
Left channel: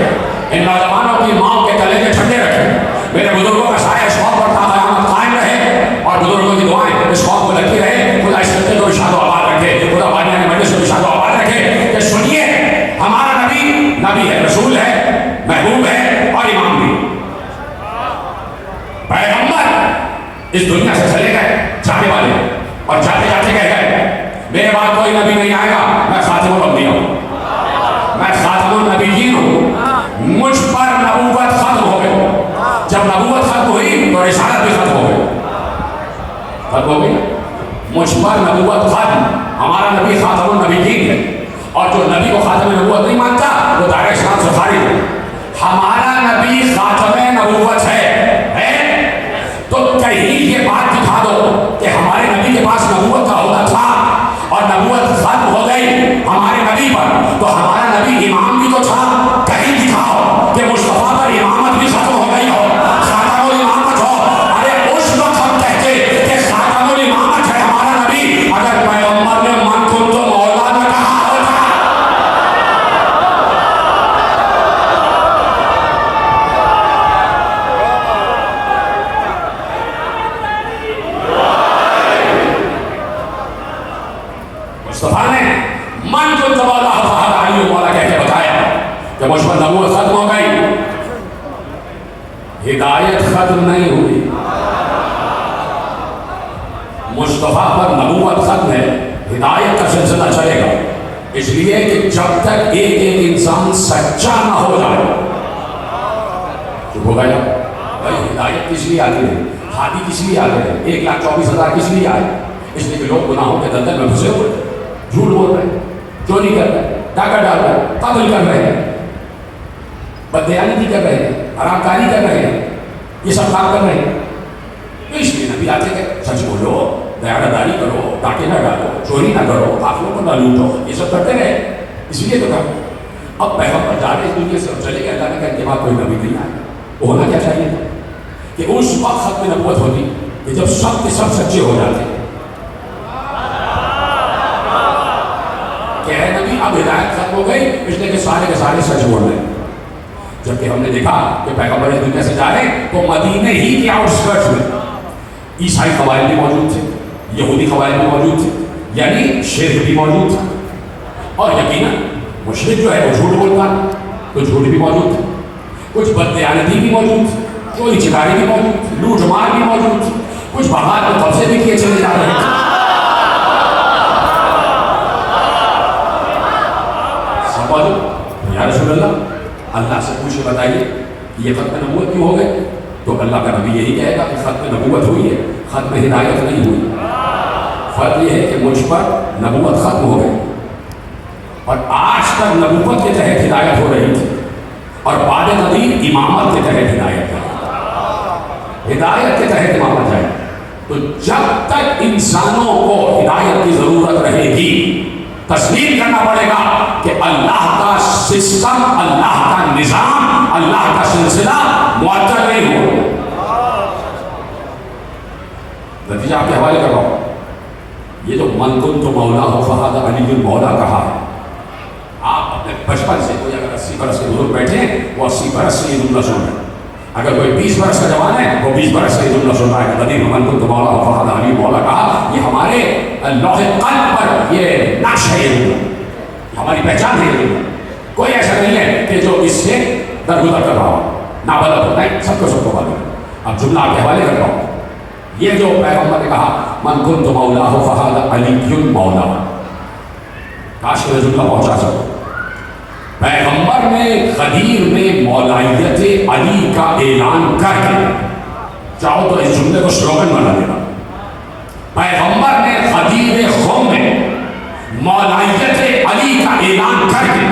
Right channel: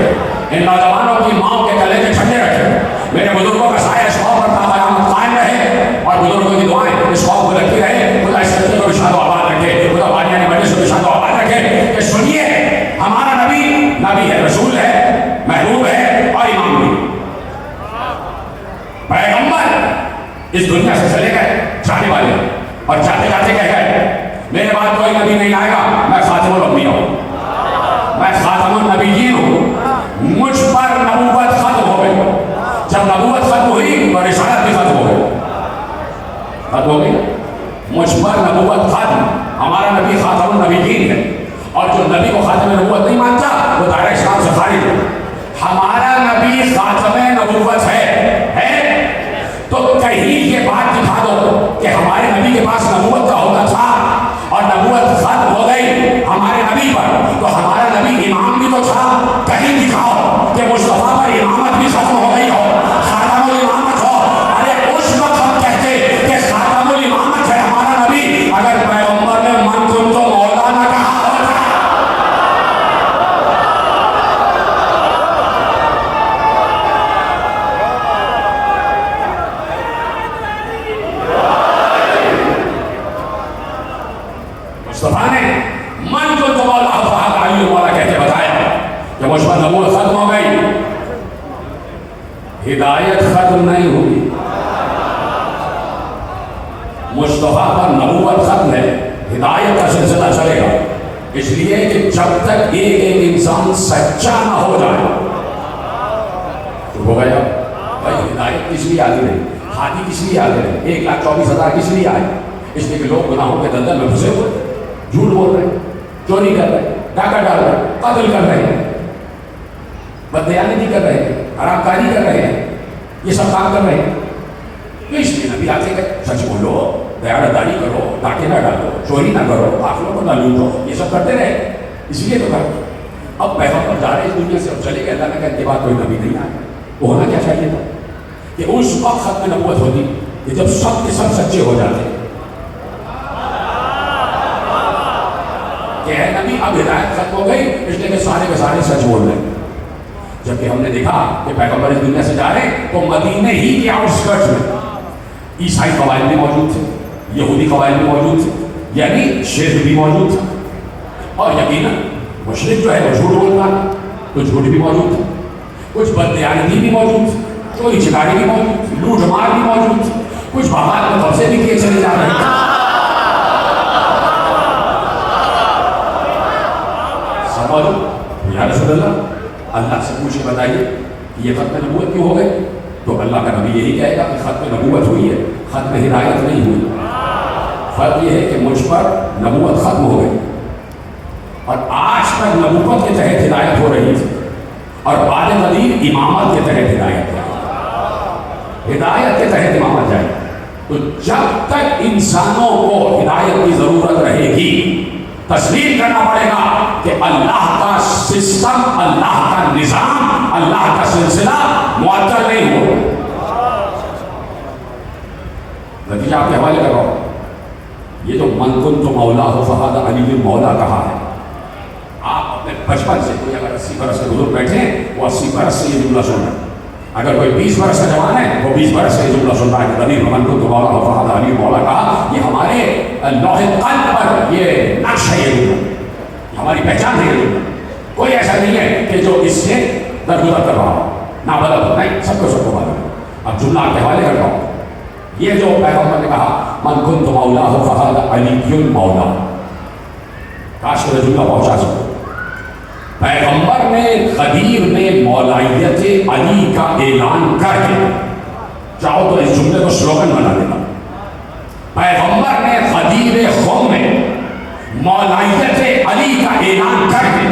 ان نوجوانوں کی ماں کے گلے کے ٹھنڈے رکھے، میرے بزرگوں کا سایہ اس قوم پر تا قیامت قائم رہے، اور بزرگوں کی دعائیں اس قوم کو لگتی رہے۔ خدا اس خطے کو بھی شاد و آباد رکھے، خدا بانیانی مجلس کو بھی شاد و آباد رکھے کہ سنیے ہمارا نبی ہے، رسول ہے، محبوب ہے اور امام بھی، پیغمبر اس دنیا سے چلے گئے جانے والے، اور جاتے جاتے کہہ گئے میرے بعد کوئی نبی نہیں آئے گا، میں خاتم الانبیاء ہوں، میں خاتم النبیین ہوں، مجھ پر نبوت ختم ہو گئی۔ جب نبوت ختم ہوئی تو رسالت بھی ختم ہو گئی، مجھ پر نبوت ختم، ہمارا نبی خاتم النبیین ہے، اور جو نبی کو خاتم نبوت نہیں مانتا وہ دائرہ اسلام سے خارج ہے۔ ہمارا نبی خاتم نبوت ہے تو کہیں یہ بات دکھا دو کہ ہمارے نبی کے پاس نبوت کا عہدہ تھا اور نبوت ختم ہو گئی ہمارے نبی پر، تو ہمارا نبی امام بھی تو تھا، کہیں دکھاؤ کہ مصطفیٰ پر امامت بھی ختم ہو گئی ہو، خاتم الامامت ہو۔ ارے اس وقت ہم کہتے کہ خاتم الامامت ہے ہمارا نبی، اگر پیغمبر نے من کن تو مولا نہ کہا ہوتا۔ مصطفیٰ نے من کن تو مولا فہد علی مولا کہہ کے بتایا کہ مجھ پر نبوت ختم ہو گئی، ہدایت ختم نہیں ہوئی۔ مصطفیٰ پر نبوت ختم ہے، ہدایت کا سلسلہ چلے گا، اس لیے کہ جب تک ایک انسان سچا نہ ہو جائے۔ چپ ہو گیا بھائی، ہدایت کس لیے آتی رہی، ہادی کس لیے آتے رہے، 1,24,000 کس لیے آئے؟ اس لیے کہ لوگ گناہوں کے دلدل میں پھنسے ہوئے، جھوٹ بول رہے ہیں، چوری کر رہے ہیں، ڈاکہ ڈال رہے ہیں، قتل کر رہے ہیں، بددیانتی کر رہے ہیں، حرام کاری کر رہے ہیں، یہ سب کام کر رہے ہیں۔ تو اس لیے نبی آتے کہ سچ بولو، دیانتداری کرو، ڈاکے نہ ڈالو، چوری نہ کرو، قافلوں کو نہ لوٹو، یہ سب کرتے رہے، اس لیے تو کہا اب پیغمبر جا رہے اس دنیا سے، چلے گئے، اللہ نے کہا ان کے بعد کوئی نبی نہیں آیا۔ وہ ہونا کیا چاہیے تھا کہ اس وقت ختم نبوت ہوتی کہ جب سب کے سب سچے ہو جاتے کہ اے نبی اب ہدایت ختم ہو گئی، اس لیے کہ سارے کے سارے سچ بول رہے ہیں۔ جبکہ ہم نے دیکھا کہ پیغمبر اس دنیا سے جا رہے ہیں تو مدینے ہی کے آؤٹ اسکرٹس میں عیسائی قبائل بھی موجود تھے، یہودی قبائل بھی موجود تھے، یعنی شرک بھی موجود تھا، اور یقیناً مشرک جو ہے وہ جھوٹ بولتا، تو جھوٹ بھی موجود تھا، کچھ بددیانتی بھی موجود تھی، چوری چکاری بھی موجود تھی، لوٹ مار بھی موجود تھی، کچھ بغاوت کو قبضے بھی کیے چلے جا رہے تھے۔ یا رسول اللہ سے پوچھے بتائیے کہ یہ ختم نبوت کیوں ہو گئے؟ تو اللہ کا نبی یہی کہے گا کہ ختم نبوت ہوئی ہے، ختم ہدایت نہیں ہوئی۔ فرق یہ ہے کہ مجھ پر نبوت ختم ہو گئی، اور آج تک نبوت کے تحت ہدایت ہو رہی تھی، اور بعد قدیر امامت کے تحت ہدایت ہے، ہدایت کے تحت امامت جائے۔ تو جب تک انسانوں کو ہدایت کی ضرورت رہے گی، تسلیم کرنا پڑے گا کہ اللہ کا سسٹم، اللہ کا نظام، اللہ کا سلسلہ معطل نہیں ہو۔ نتیجہ آپ کے حوالے کر رہا ہوں، یہ جو من کنت مولا فہد علی مولا کہا ہے، آپ اپنے بچپن سے، کوئی اگر 80 برس کے بزرگ بیٹھے ہیں وہ 80 برس سے یہ جملہ سن رہے ہیں، اگر کوئی 20 برس کا جوان ہے وہ 20 برس سے یہ جملہ سن رہا ہے کہ نبی من کنت مولا فہد علی مولا کہا۔ یہ ہمارے لوح قلب پر یہ نقش ہے، یہ جملہ ہماری پہچان ہے۔ یہ جملہ کوئی ایسا نہیں ہے کہ جو اس سے درگزر کر رہا ہو، نہ بدل ہو، نہیں، سب کو معلوم ہے۔ اب جملہ آپ کے حوالے کرتا ہوں، یہ جو پیغمبر نے کہا من کنت مولا فہد علی مولا، کاش کہ جملہ پہنچا سکو۔ پیغمبر نے غدیر میں مولائیت علی کا اعلان کر کے چاہو تو اس جملے کو سلوگن بنا دینا پیغمبر نے غدیر قوم میں مولائیت علی کا اعلان کر کے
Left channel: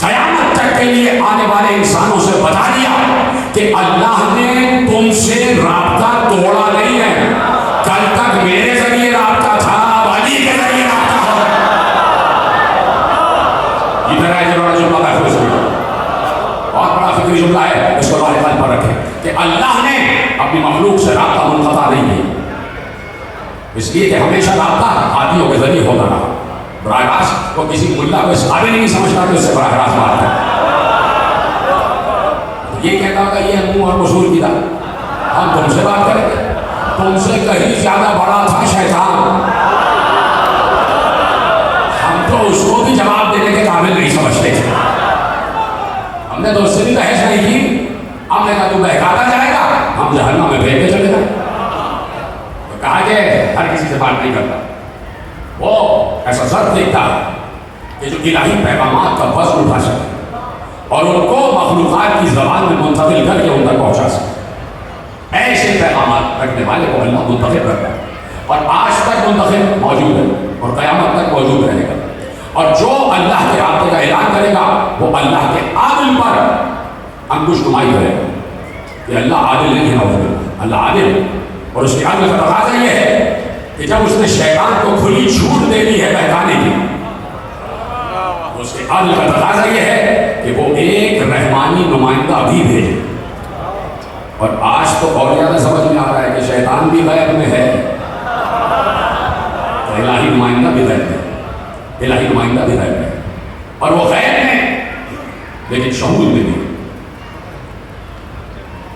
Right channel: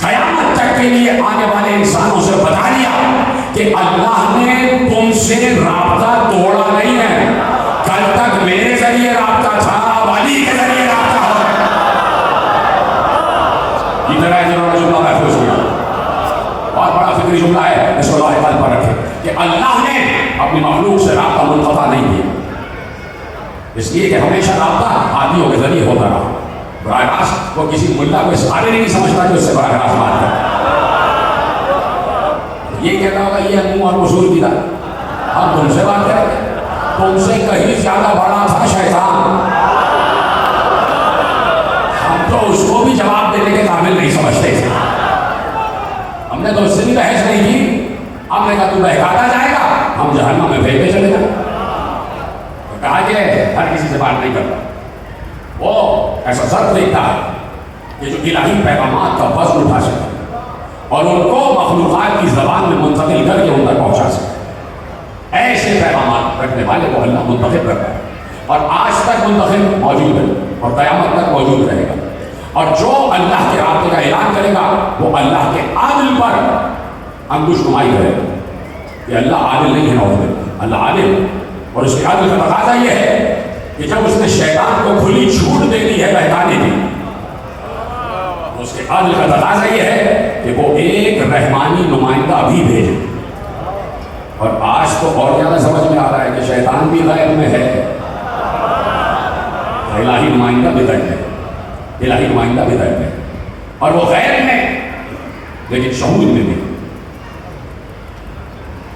قیامت تک کے لیے آنے والے انسانوں سے بتا دیا کہ اللہ نے تم سے رابطہ توڑا نہیں ہے. کل تک میرے ذریعے رابطہ تھا، اب علی کے ذریعے رابطہ ہے. ادھر ہے جنہوں جملہ محفوظ کیا، بہت بڑا فکری جملہ ہے، اس کو لوہے قلب پر رکھے کہ اللہ نے اپنی مخلوق سے رابطہ منقطع نہیں کیا، اس لیے کہ ہمیشہ رابطہ ہادیوں کے ذریعے ہوتا رہا. براہ راست وہ کسی ملا کو اس قابل نہیں سمجھتا کہ اس سے براہ راست بات کرے. یہ کہتا ہوگا یہ منہ اور قصور کی تھا، ہم تم سے بات کریں گے، تم سے کہیں زیادہ بڑا تھا شیطان، ہم تو اس کو بھی جواب دینے کے قابل نہیں سمجھتے تھے. ہم نے تو اس سے بھی بحث نہیں کی، ہم نے کہا تو بہکاتا جائے گا، ہم جہنم میں پھینک کے چلے گا. تو کہا کہ ہر کسی سے بات نہیں کرتا، وہ ایسا ضرب دیکھتا ہے کہ جو الہی پیغامات کا وزن اٹھا سکے اور ان کو مخلوقات کی زبان میں منتقل کر کے ان تک پہنچا سکے. ایسے پیغامات رکھنے والے کو اللہ منتخب کرتا ہے اور آج تک منتخب موجود ہے اور قیامت تک موجود رہے گا. اور جو اللہ کے رابطے کا اعلان کرے گا وہ اللہ کے عادل پر انگوش نمائی کرے گا کہ اللہ عادل نہیں ہے. نعوذ اللہ عادل ہے، اور اس کے عادل کا تقاضا یہ ہے کہ جب اس نے شیطان کو کھلی چھوٹ دے دی ہے بہکانے کی، اس کے عادل کا تقاضا یہ ہے کہ وہ ایک رحمانی نمائندہ بھی بھیجے. اور آج تو اور زیادہ سمجھ میں آ رہا ہے کہ شیطان بھی غیب میں ہے، الہی نمائندہ بھی غیب میں، الہی نمائندہ بھی غیب میں، اور وہ غیب میں لیکن شہود میں بھی.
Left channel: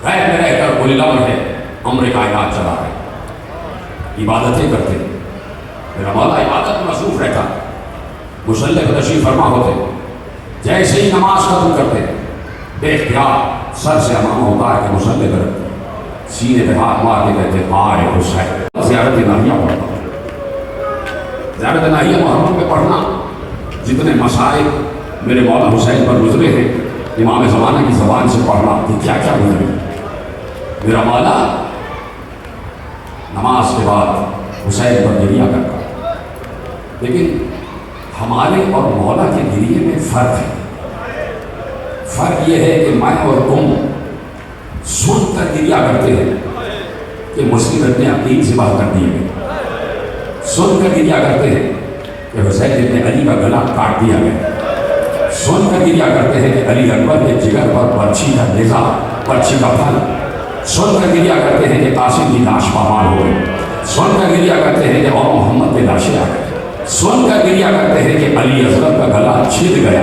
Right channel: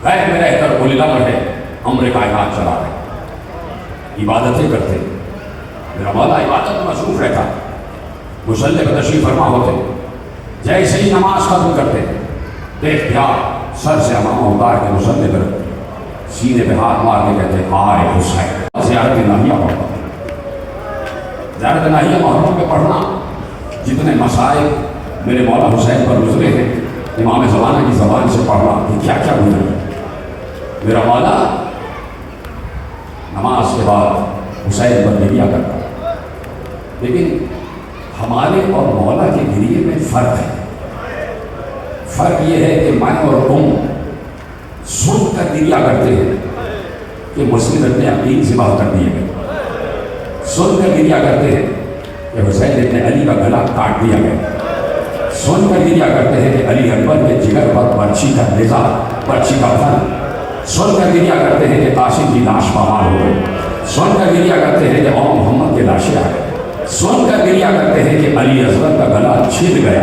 غیب میں رہ کر الہ ہے، امر کائنات چلا رہے، عبادتیں کرتے. میرا مولا عبادت میں مصروف رہتا، مصلی پہ تشریف فرما ہوتے، جیسے ہی نماز ختم کرتے دیکھ دیا سر سے امام ہوتا ہے کہ مصلی پر سینے پہ ہاتھ مار کے کہتے آئے حسین. زیارت الہیہ پڑھنا، زیارت الہیہ محرم پہ پڑھنا، جتنے مسائل میرے مولا حسین پر گزرے ہیں امام زمانہ کی زبان سے پڑھنا کہ کیا کیا گزرے. میرا مولا نماز کے بعد حسین پر گریہ کرتا، لیکن ہمارے اور مولا کے گریے میں فرق ہے. فرق یہ ہے کہ میں اور تم سن کر گریہ کرتے ہیں کہ مسلم ابن عقیل سے باہر کر دیے گئے، سن کر گریہ کرتے ہیں کہ حسین ابن علی کا گلا کاٹ دیا گیا، سن کر گریہ کرتے ہیں کہ علی اکبر کے جگر پر برچھی کا نیزہ، برچھی کا پھل، سن کر گریہ کرتے ہیں کہ قاسم کی لاش پامال ہو گئی، سن کر گریہ کرتے ہیں کہ اور محمد کے لاشیں آ گئی، سن کر گریہ کرتے ہیں کہ علی اصغر کا گلا چھد گیا.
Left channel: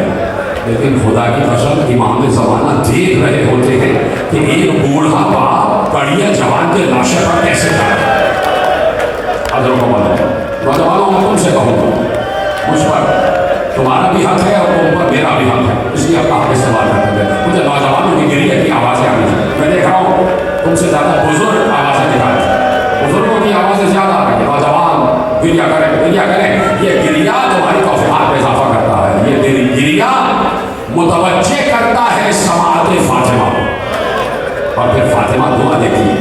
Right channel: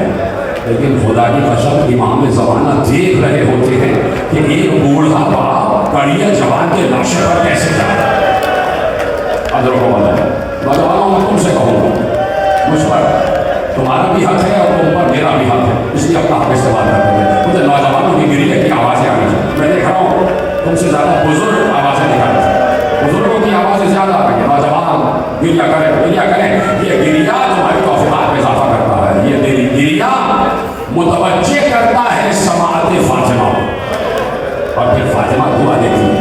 لیکن خدا کی قسم امام زمانہ دیکھ رہے ہوتے ہیں کہ ایک بوڑھا باپ کڑیا جوان کے لاشے پر کیسے جائے. حضرت کو بتا نوجوانوں میں تم سے کہوں گا، مجھ پر تمہارا بھی حق ہے اور تم پر میرا بھی حق ہے، اس لیے اپنا حق استعمال کرتے ہیں. مجھے نوجوانوں کی گریہ کی آوازیں آ رہی ہیں، میں دیکھ رہا ہوں تم سے زیادہ بزرگ آوازیں نکالتے ہیں، بزرگوں کی آوازیں زیادہ آ رہی ہیں. نوجوان گریہ کریں، گریہ کریں. یہ گریہ تمہاری توفیقات میں اضافہ کرتا ہے، یہ میری گریہ متوجہ کرتا ہے سماعت فاطمہ، اور پھر فاطمہ دعا دیتی ہے.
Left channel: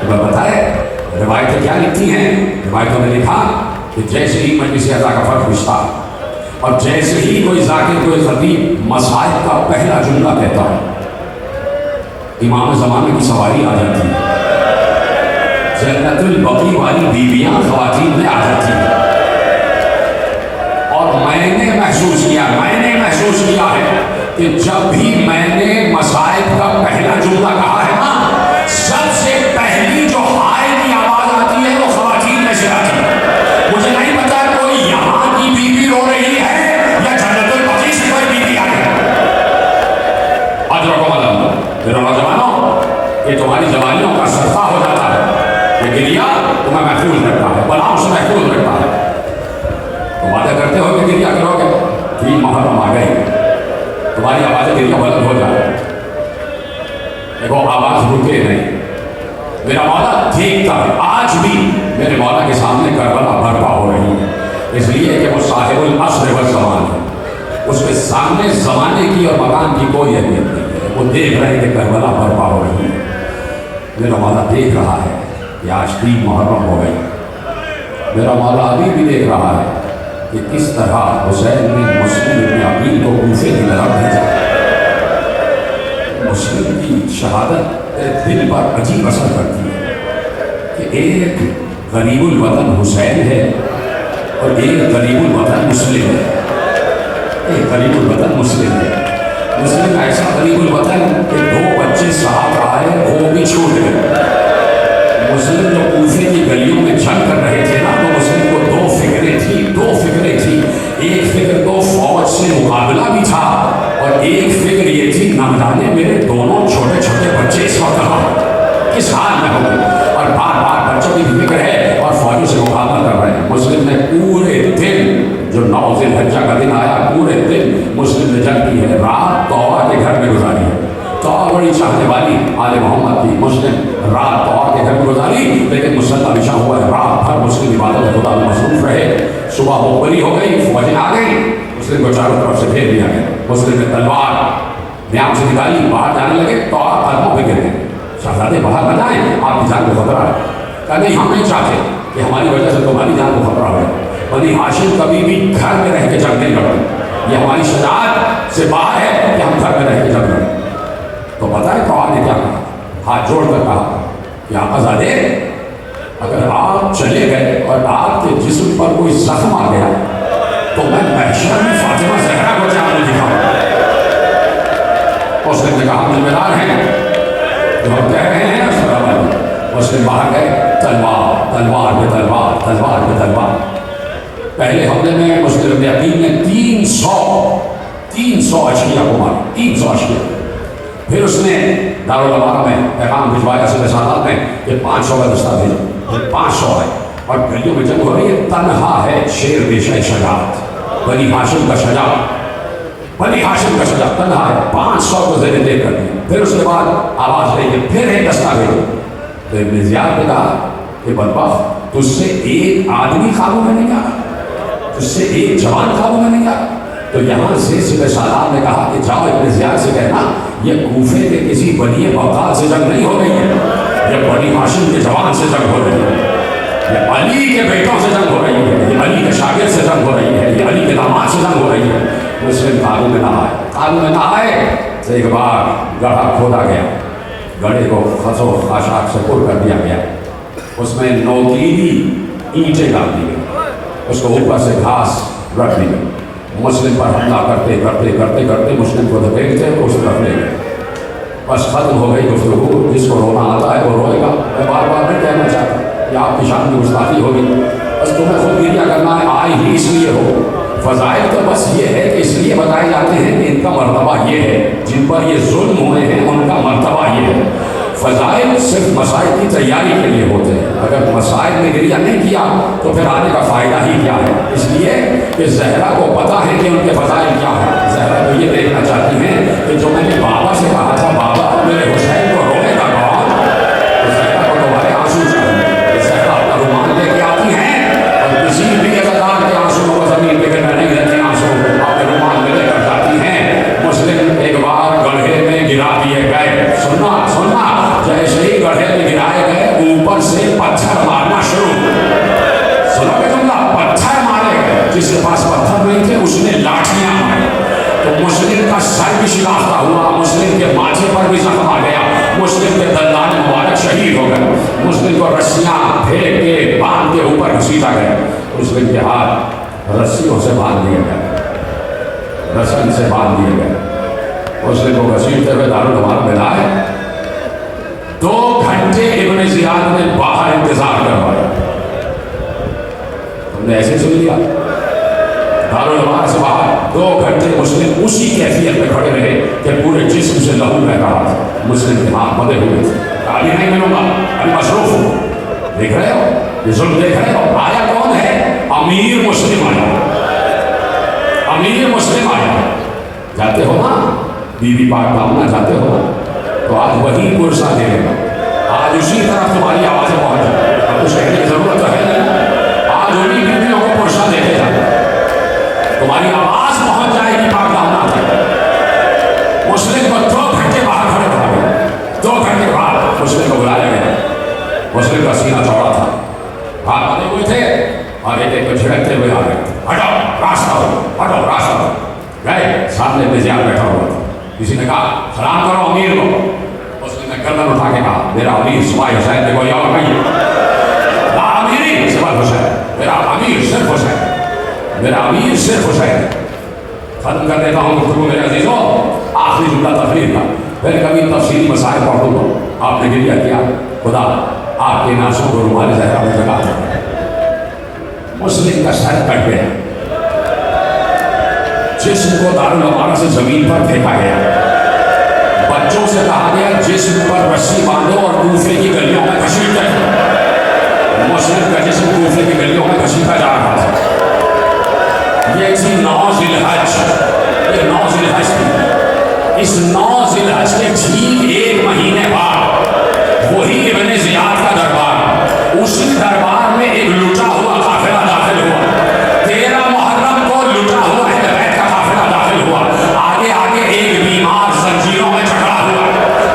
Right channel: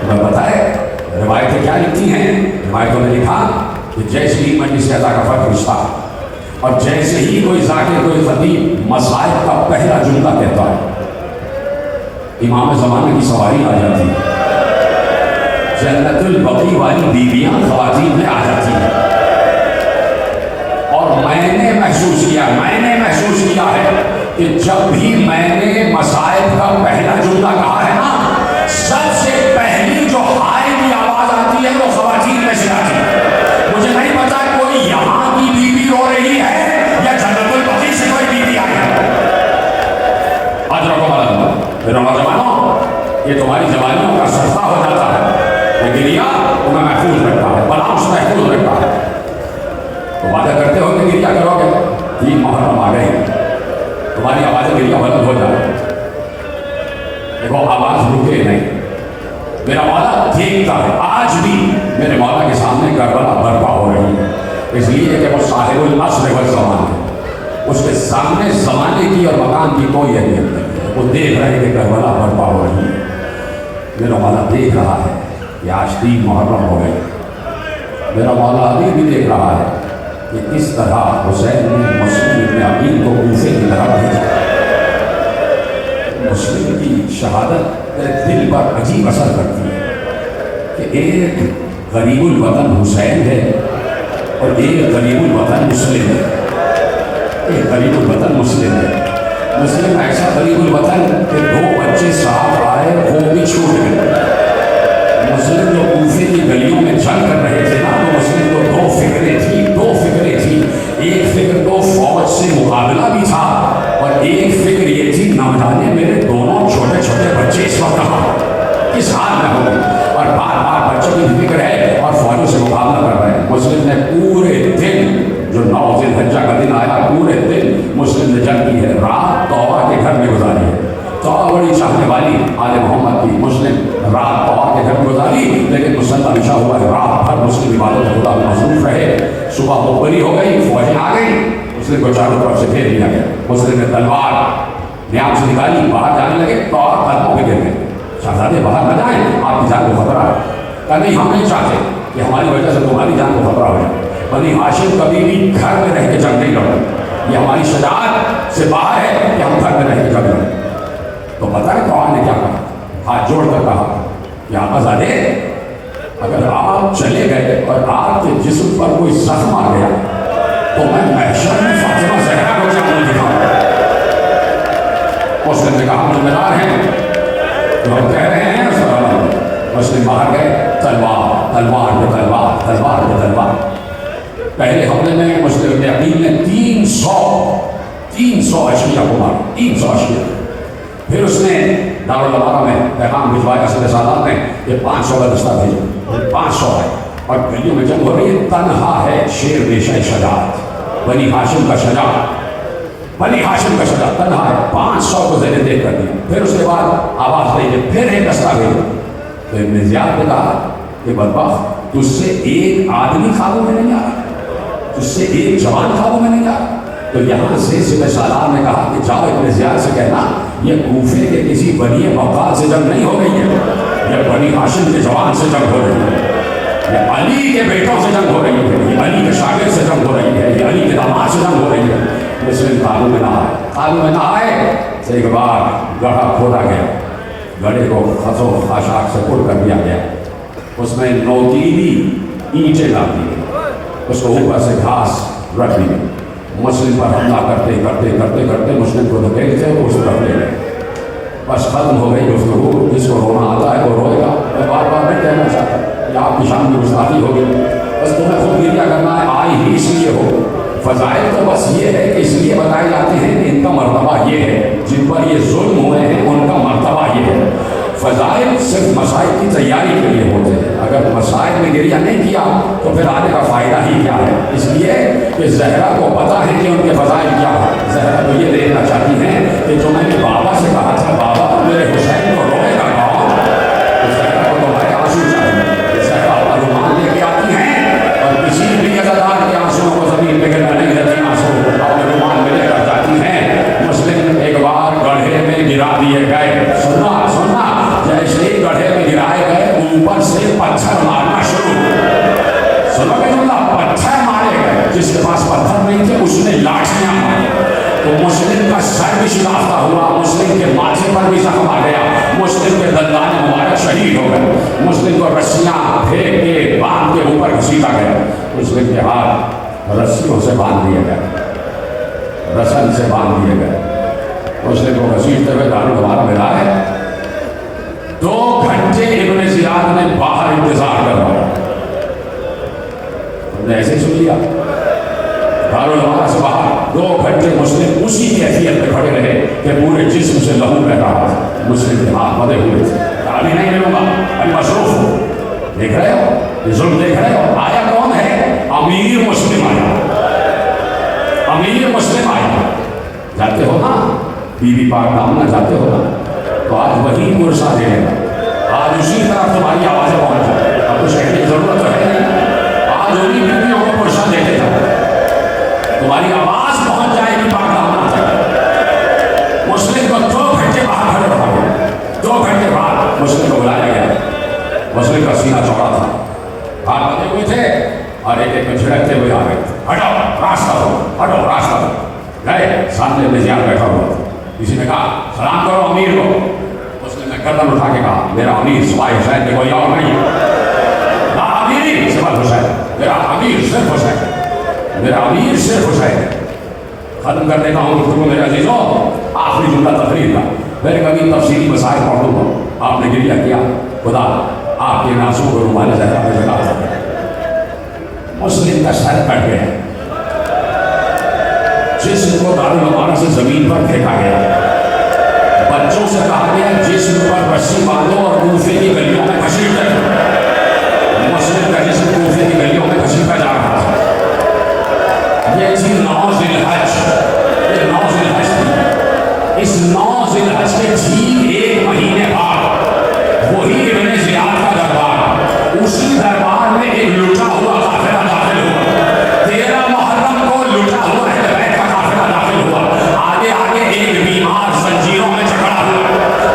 تمہیں پتہ ہے روایتیں کیا لکھتی ہیں؟ روایتوں میں لکھا کہ جیسے ہی مجلس عطا کا فرق رشتہ اور جیسے ہی کوئی ذاکر کوئی خطیب مسائل کا پہلا جملہ کہتا ہے، امام زمانہ کی سواری آ جاتی ہے، جنت البقیع والی بیویاں خواتین میں آ جاتی ہیں. اور میں نے محسوس کیا ہے کہ جب بھی میں نے مسائل کا پہلا جملہ کہا ہے نا، سب سے پہلی جو ہائے کی آواز آتی ہے وہ خواتین میں سے آتی ہے. مجھے نہیں پتا کوئی یہاں کی بیوی رو رہی ہے یا جنت البقیع سے کوئی بیوی آئی ہے. میرا نوجوانوں، یہ تمہاری جوانیوں کا صدقہ ہو جاتا ہے، یہ گریہ تمہیں محفوظ رکھتا ہے، بلاؤں سے محفوظ رکھتا ہے. تم وعدہ کرتے ہو کہ گریہ کرو گے، 3 محرم آ گئی، تمہاری آوازیں گریہ بلند ہو جائے. دیکھو آواز رکے نہیں. میرا مولا دیکھتا ہے، آج بھی میرے مولا کے سامنے کربلا برپا ہو رہی ہے، اس لیے کہ وہ صاحب العصر والزمان ہے. اس کے سامنے زمانے کی اور مکان کی کوئی اہمیت نہیں ہے. وہ دیکھ رہے کہ کربلا برپا ہو رہی ہے. میرا مولا دیکھ رہا ہے کہ آج 3 محرم ہو گئی، میرا مولا ابھی بھی دیکھ رہا ہے کہ کس طرح حسین نے مسلم ابن عقیل کو کوفے کی طرف بھیجا. مسلم کی شہادت دل پر عجیب اثر کرتی ہے کہ ایک غریب الوطن حسین ہے اور ایک غریب الوطن مسلم ہے. ایک غریب الوطن مسلم ہے. مسلم ایسا غریب الوطن کہ 2 بچے ساتھ آئے وہ بھی چھوٹ گئے. مسلم جو کوفے کی گلیوں میں چل کر رہے تھے نا تو مسلم کو 2 فکریں تھیں. ایک فکر تو فوج سے مقابلہ بھی تھا اور ایک فکر یہ تھی نہ جانے میرے دونوں چھوٹے چھوٹے بچے اس وقت کہاں کس حال میں ہوں گے, اور بار بار بچوں کی فکر ہے اور فوجوں سے مقابلہ کر رہے ہیں. مسلم نے پورے دن جو 9 ذی الحجہ کا دن آیا پورے دن مسلم نے جنگ کی ہے. رات طوبہ کے گھر میں گزاری ہے. طوبہ بڑی چاہنے والی آل محمد کی. مسلم رات طوبہ کے گھر میں گزاری لیکن مسلح بچھا ہوا ہے. رات بھر مسلم عبادت خدا میں مصروف رہے. صبح بری ہو گئی, فوجیں آ گئی, مسلم کو چاروں طرف سے گھیر لیا گیا. مسلم نے تلوار نیام سے نکالی, باہر جانے لگے تو قدموں پہ گر گئے. شہزادے باہر نہ جائیں, آپ کی جان کو خطرہ ہے. کہا نہیں ہم نہیں چاہتے کہ ہماری وجہ سے تمہاری جان کو خطرہ ہو جائے. بنی ہاشم کبھی بھی گھر میں رہ کے جنگ نہیں لڑتے. یہ ہماری شجاعت سے باہر ہے کہ ہم گھر میں رہ کے جنگ لڑیں. تو بتائیں تو آپ نے کیا کہا, ہاتھ جوڑ کر کہا کہ آقازادے اگر آپ چلے گئے اور آپ کے جسم پر کوئی زخم آ گیا تو میں محشر میں فاطمہ زہرا کو جان دکھاؤں. مسلم نے کہا ذمہ دار ہیں جو ہم کہہ رہے ہیں اس پر. مسلم باہر گئے, تلوار تلوار پہ تلوار تلوار پہ تلوار. پہلے حملے میں مسلم ابن عقیل نے 300 اشقیاء کو مارا. 300 اشقیاء. پھر اس نے دارالامارہ میں پیغام بھجوایا صدر سادات نے کہ 500 کا دستہ بھیجو. 500 ہے اور گلیوں میں جنگ ہو رہی ہے. تنہا ہے شیر بیشہ شجاعت, بنی ہاشم کا شجاعت, بنی ہاشم کا شجاعت تنہا ہے. 500 کو زیر دیر کر دیا. پھر اس کے بعد آواز بھیجے, پھر ایک دستہ بھیجو. تو ابن زیاد نے کہا کہ بدبخت تجھ سے ایک آدمی خوابوں میں نہیں آ رہا, تجھ سے ایک جوان خوابوں میں نہیں آ رہا. تو یہاں سے صدر سالار نے کہا کہ جاؤ ابن زیاد سے کہنا یہ کوفے کے کسی بنی وقال سے جنگ نہیں ہو رہی ہے, یہ بنی ہاشم کے جوان سے جنگ ہو رہی ہے, یہ علی کے بیٹوں سے جنگ ہو رہی ہے, یہ علی کے شاگرد سے جنگ ہو رہی ہے, یہ علی کے داماد سے جنگ ہو رہی ہے. مسلم قابو میں نہ آئے. قابو میں نہ آئے تو ایک بار گڑھا کھودا گیا. گڑھے کو خس و خاشاک سے پر کر دیا گیا. اس میں نوکیلی اینٹیں ڈال دی گئی, اس کو اوپر سے گھاس رکھ دی گئی. مسلم پر حملہ کرتے کرتے کرتے کرتے مسلم کو دھکیلتے تو اس طرف لے گئے. بس ختم ہو گئی گفتگو. جس کو رونا آتا ہے وہ روئے گا. میں بار بار نہیں کہنا چاہتا کہ آپ کی شان میں گستاخی ہوگی, بس تمہیں خود گریہ کرنا ہے. آئی ہی اس لیے ہو. فضائل تو بس یہ ہے کہ اس لیے بتائے جاتے ہیں کہ ان کا مرتبہ یہ ہے, جن پر یہ ظلم ہوئے ہیں ان کا مرتبہ یہ ہے. فضائل صرف مسائل کی تیاری کے لیے ہوتے ہیں. اگر مسائل میں گریہ نہیں کیا تو پھر آنے کا فائدہ ہی کیا ہے. اس لیے کہ زہرا کو پتا ہے کہ ان کے فضائل کیا ہے. زہرا تو یہ دیکھنا چاہتی ہیں کہ جو میں نے بابا سے کہا تھا بابا میرے حسین کو رونے کا کہا, تو زہرا کو تمہارے آنسو چاہیے. زہرا اپنا رومان لے کے آتی ہیں اور کسی بھی عزادار کے آنسو کو زمین پہ گرنے نہیں دیتی. آنسو اپنے رومان میں لے کر جاتی ہیں. مسلم ایک بار گڑھے میں گرا دیے گئے. سننا جیسے ہی گڑھے میں گرائے گئے اوپر سے پتھر مارنا شروع. سنو گے سننا, پتھر مارے گئے. جس کے پاس پتھر نہیں تھے اس نے لاٹھیاں ماری. تو مسلم کا سر بھی شناختہ ہوا, مسلم کے ماتھے پر بھی زخم آ گیا, مسلم کے دندان مبارک شہید ہو گئے. مسلم کو رسیاں پھینک کے باندھ کے اوپر گھسیٹا گیا. مسلم کے ہاتھ رسیوں سے باندھ دیے گئے, رسن سے باندھ دیے گئے. مسلم کو گھسیٹتے ہوئے دارالامارہ میں لائے. 2 گھنٹے ابن زیاد نے باہر انتظار کروایا. ہم نے ایسے سن لیا دارالامارہ سے باہر 2 گھنٹے مسلم اسی کیفیت میں کھڑے رہے کہ پورے جسم سے لہو بہہ رہا تھا. مسلم کے ہاتھ بندھے ہوئے تھے. ابھی نہیں ملوں گا, ابھی مصروف ہوں. دیکھ رہے ہو یہ ظلم دیکھ رہے ہو. آیا کون ہے؟ امیر مسلم آیا. امیر مسلم آیا. جاتے ہو نا بی بی پاک دامنا, جاتے ہو تو آج وہی پرسہ دے گا. آج اسی طرف تمہاری آوازیں پہنچ جائیں. اب کچھ کہنے کی ضرورت تو ہے نہیں. آج انہیں بیویوں کو پرسہ دیتے جاتے, تمہاری آواز پہنچ جائے گی پاک دامنا تک. مسلم کو 2 گھنٹے باہر کھڑے رہا گیا. 2 گھنٹے بعد مسلم کو بلایا گیا. مسلم کا سینہ چوڑا تھا, ہاتھ بندھے ہوئے تھے. پکڑو راستہ گئے سامنے ابن زیاد بیٹھا ہوا تھا. کسی نے کہا سلام کرو امیر کو. اس نے گردن اٹھا کے کہا میرا امیر سوائے حسین کے کوئی اور نہیں ہے. لا امیری سوائے حسین، میرا امیر صرف حسین، میرا امیر صرف حسین. ختم کر دیتا ہوں گفتگو میرے عزیزوں. آخری جملہ تقریر کا، پھر کبھی تفصیلی مسائل پڑھوں گا. آپ نے گریہ کیا، خدا آپ کے ناسوں کو رومال زہرا میں جگہ دے. مسلم کا سر کٹ گیا، جسم کو دارالامانہ سے زمین پر پھینکا گیا. بچوں سے کہا گیا جسم پر رسی باندھو اور کوفے کی گلیوں میں گھسیٹتے رہو. مسلم کا جسم کوفے کی گلیوں میں گھسیٹا جا رہا تھا. یہ تھی 9 ذی الحج. یہ 9 ذی الحج تھی. اس 9 ذی الحج کے ٹھیک 1 مہینے بعد وہی ابن زیاد کا دربار، اسی دربار میں ایک لٹا ہوا قافلہ داخل ہوا. 13 محرم کو لٹا ہوا اہل بیت کا قافلہ داخل ہوا. آگے آگے ایک بیمار زنجیروں میں جکڑا ہوا،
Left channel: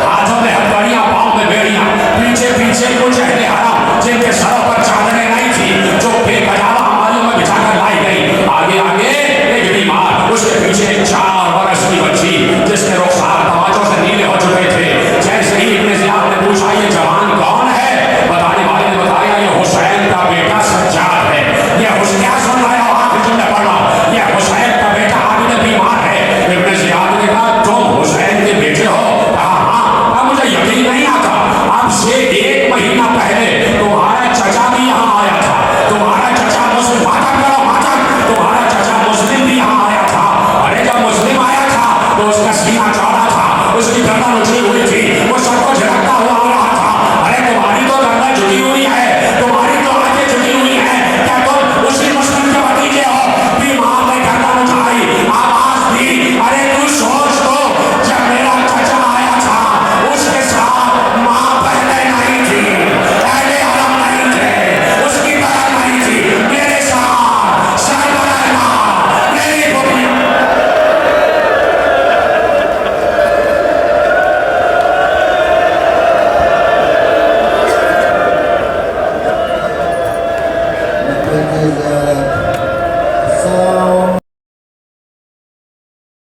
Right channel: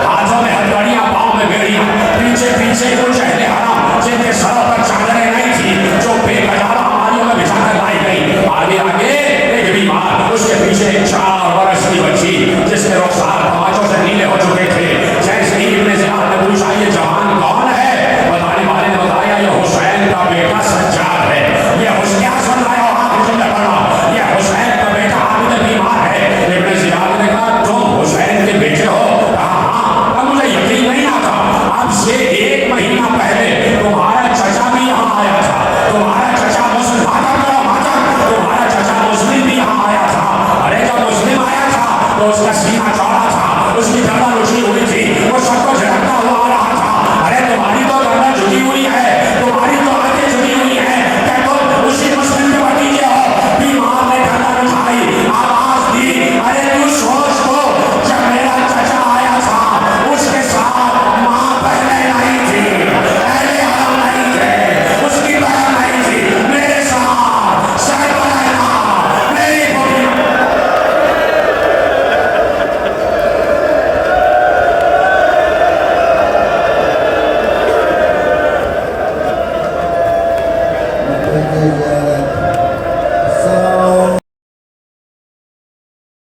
ہاتھوں میں ہتھکڑیاں، پاؤں میں بیڑیاں، پیچھے پیچھے کچھ اہل حرم جن کے سروں پر چادریں نہیں تھی، جو بے قرار ہماریوں میں بچھا کر لائی گئی. آگے آگے ایک بیمار، اس کے پیچھے ایک 4 برس کی بچی جس کے رخسار توجہ سے نیلے ہو چکے تھے. جیسے ہی ابن زیاد نے پوچھا یہ جوان کون ہے، بتانے والے نے بتایا یہ حسین کا بیٹا سجاد ہے. یہ کیا سن رہے ہو آپ تم نے پڑھا، یہ حسین کا بیٹا عابد بیمار ہے. ابن زیاد نے کہا تم حسین کے بیٹے ہو؟ ہاں. مجھے یقین نہیں آتا. اب سے 1 مہینہ پہلے تمہارا چچا بھی یہاں آیا تھا. تمہارا چچا مسلم، تمہارا چچا مسلم بھی یہاں آیا تھا. ارے جب مسلم آیا تھا تو اس کا سینہ چوڑا تھا، اس کی گردن اونچی ہوئی تھی.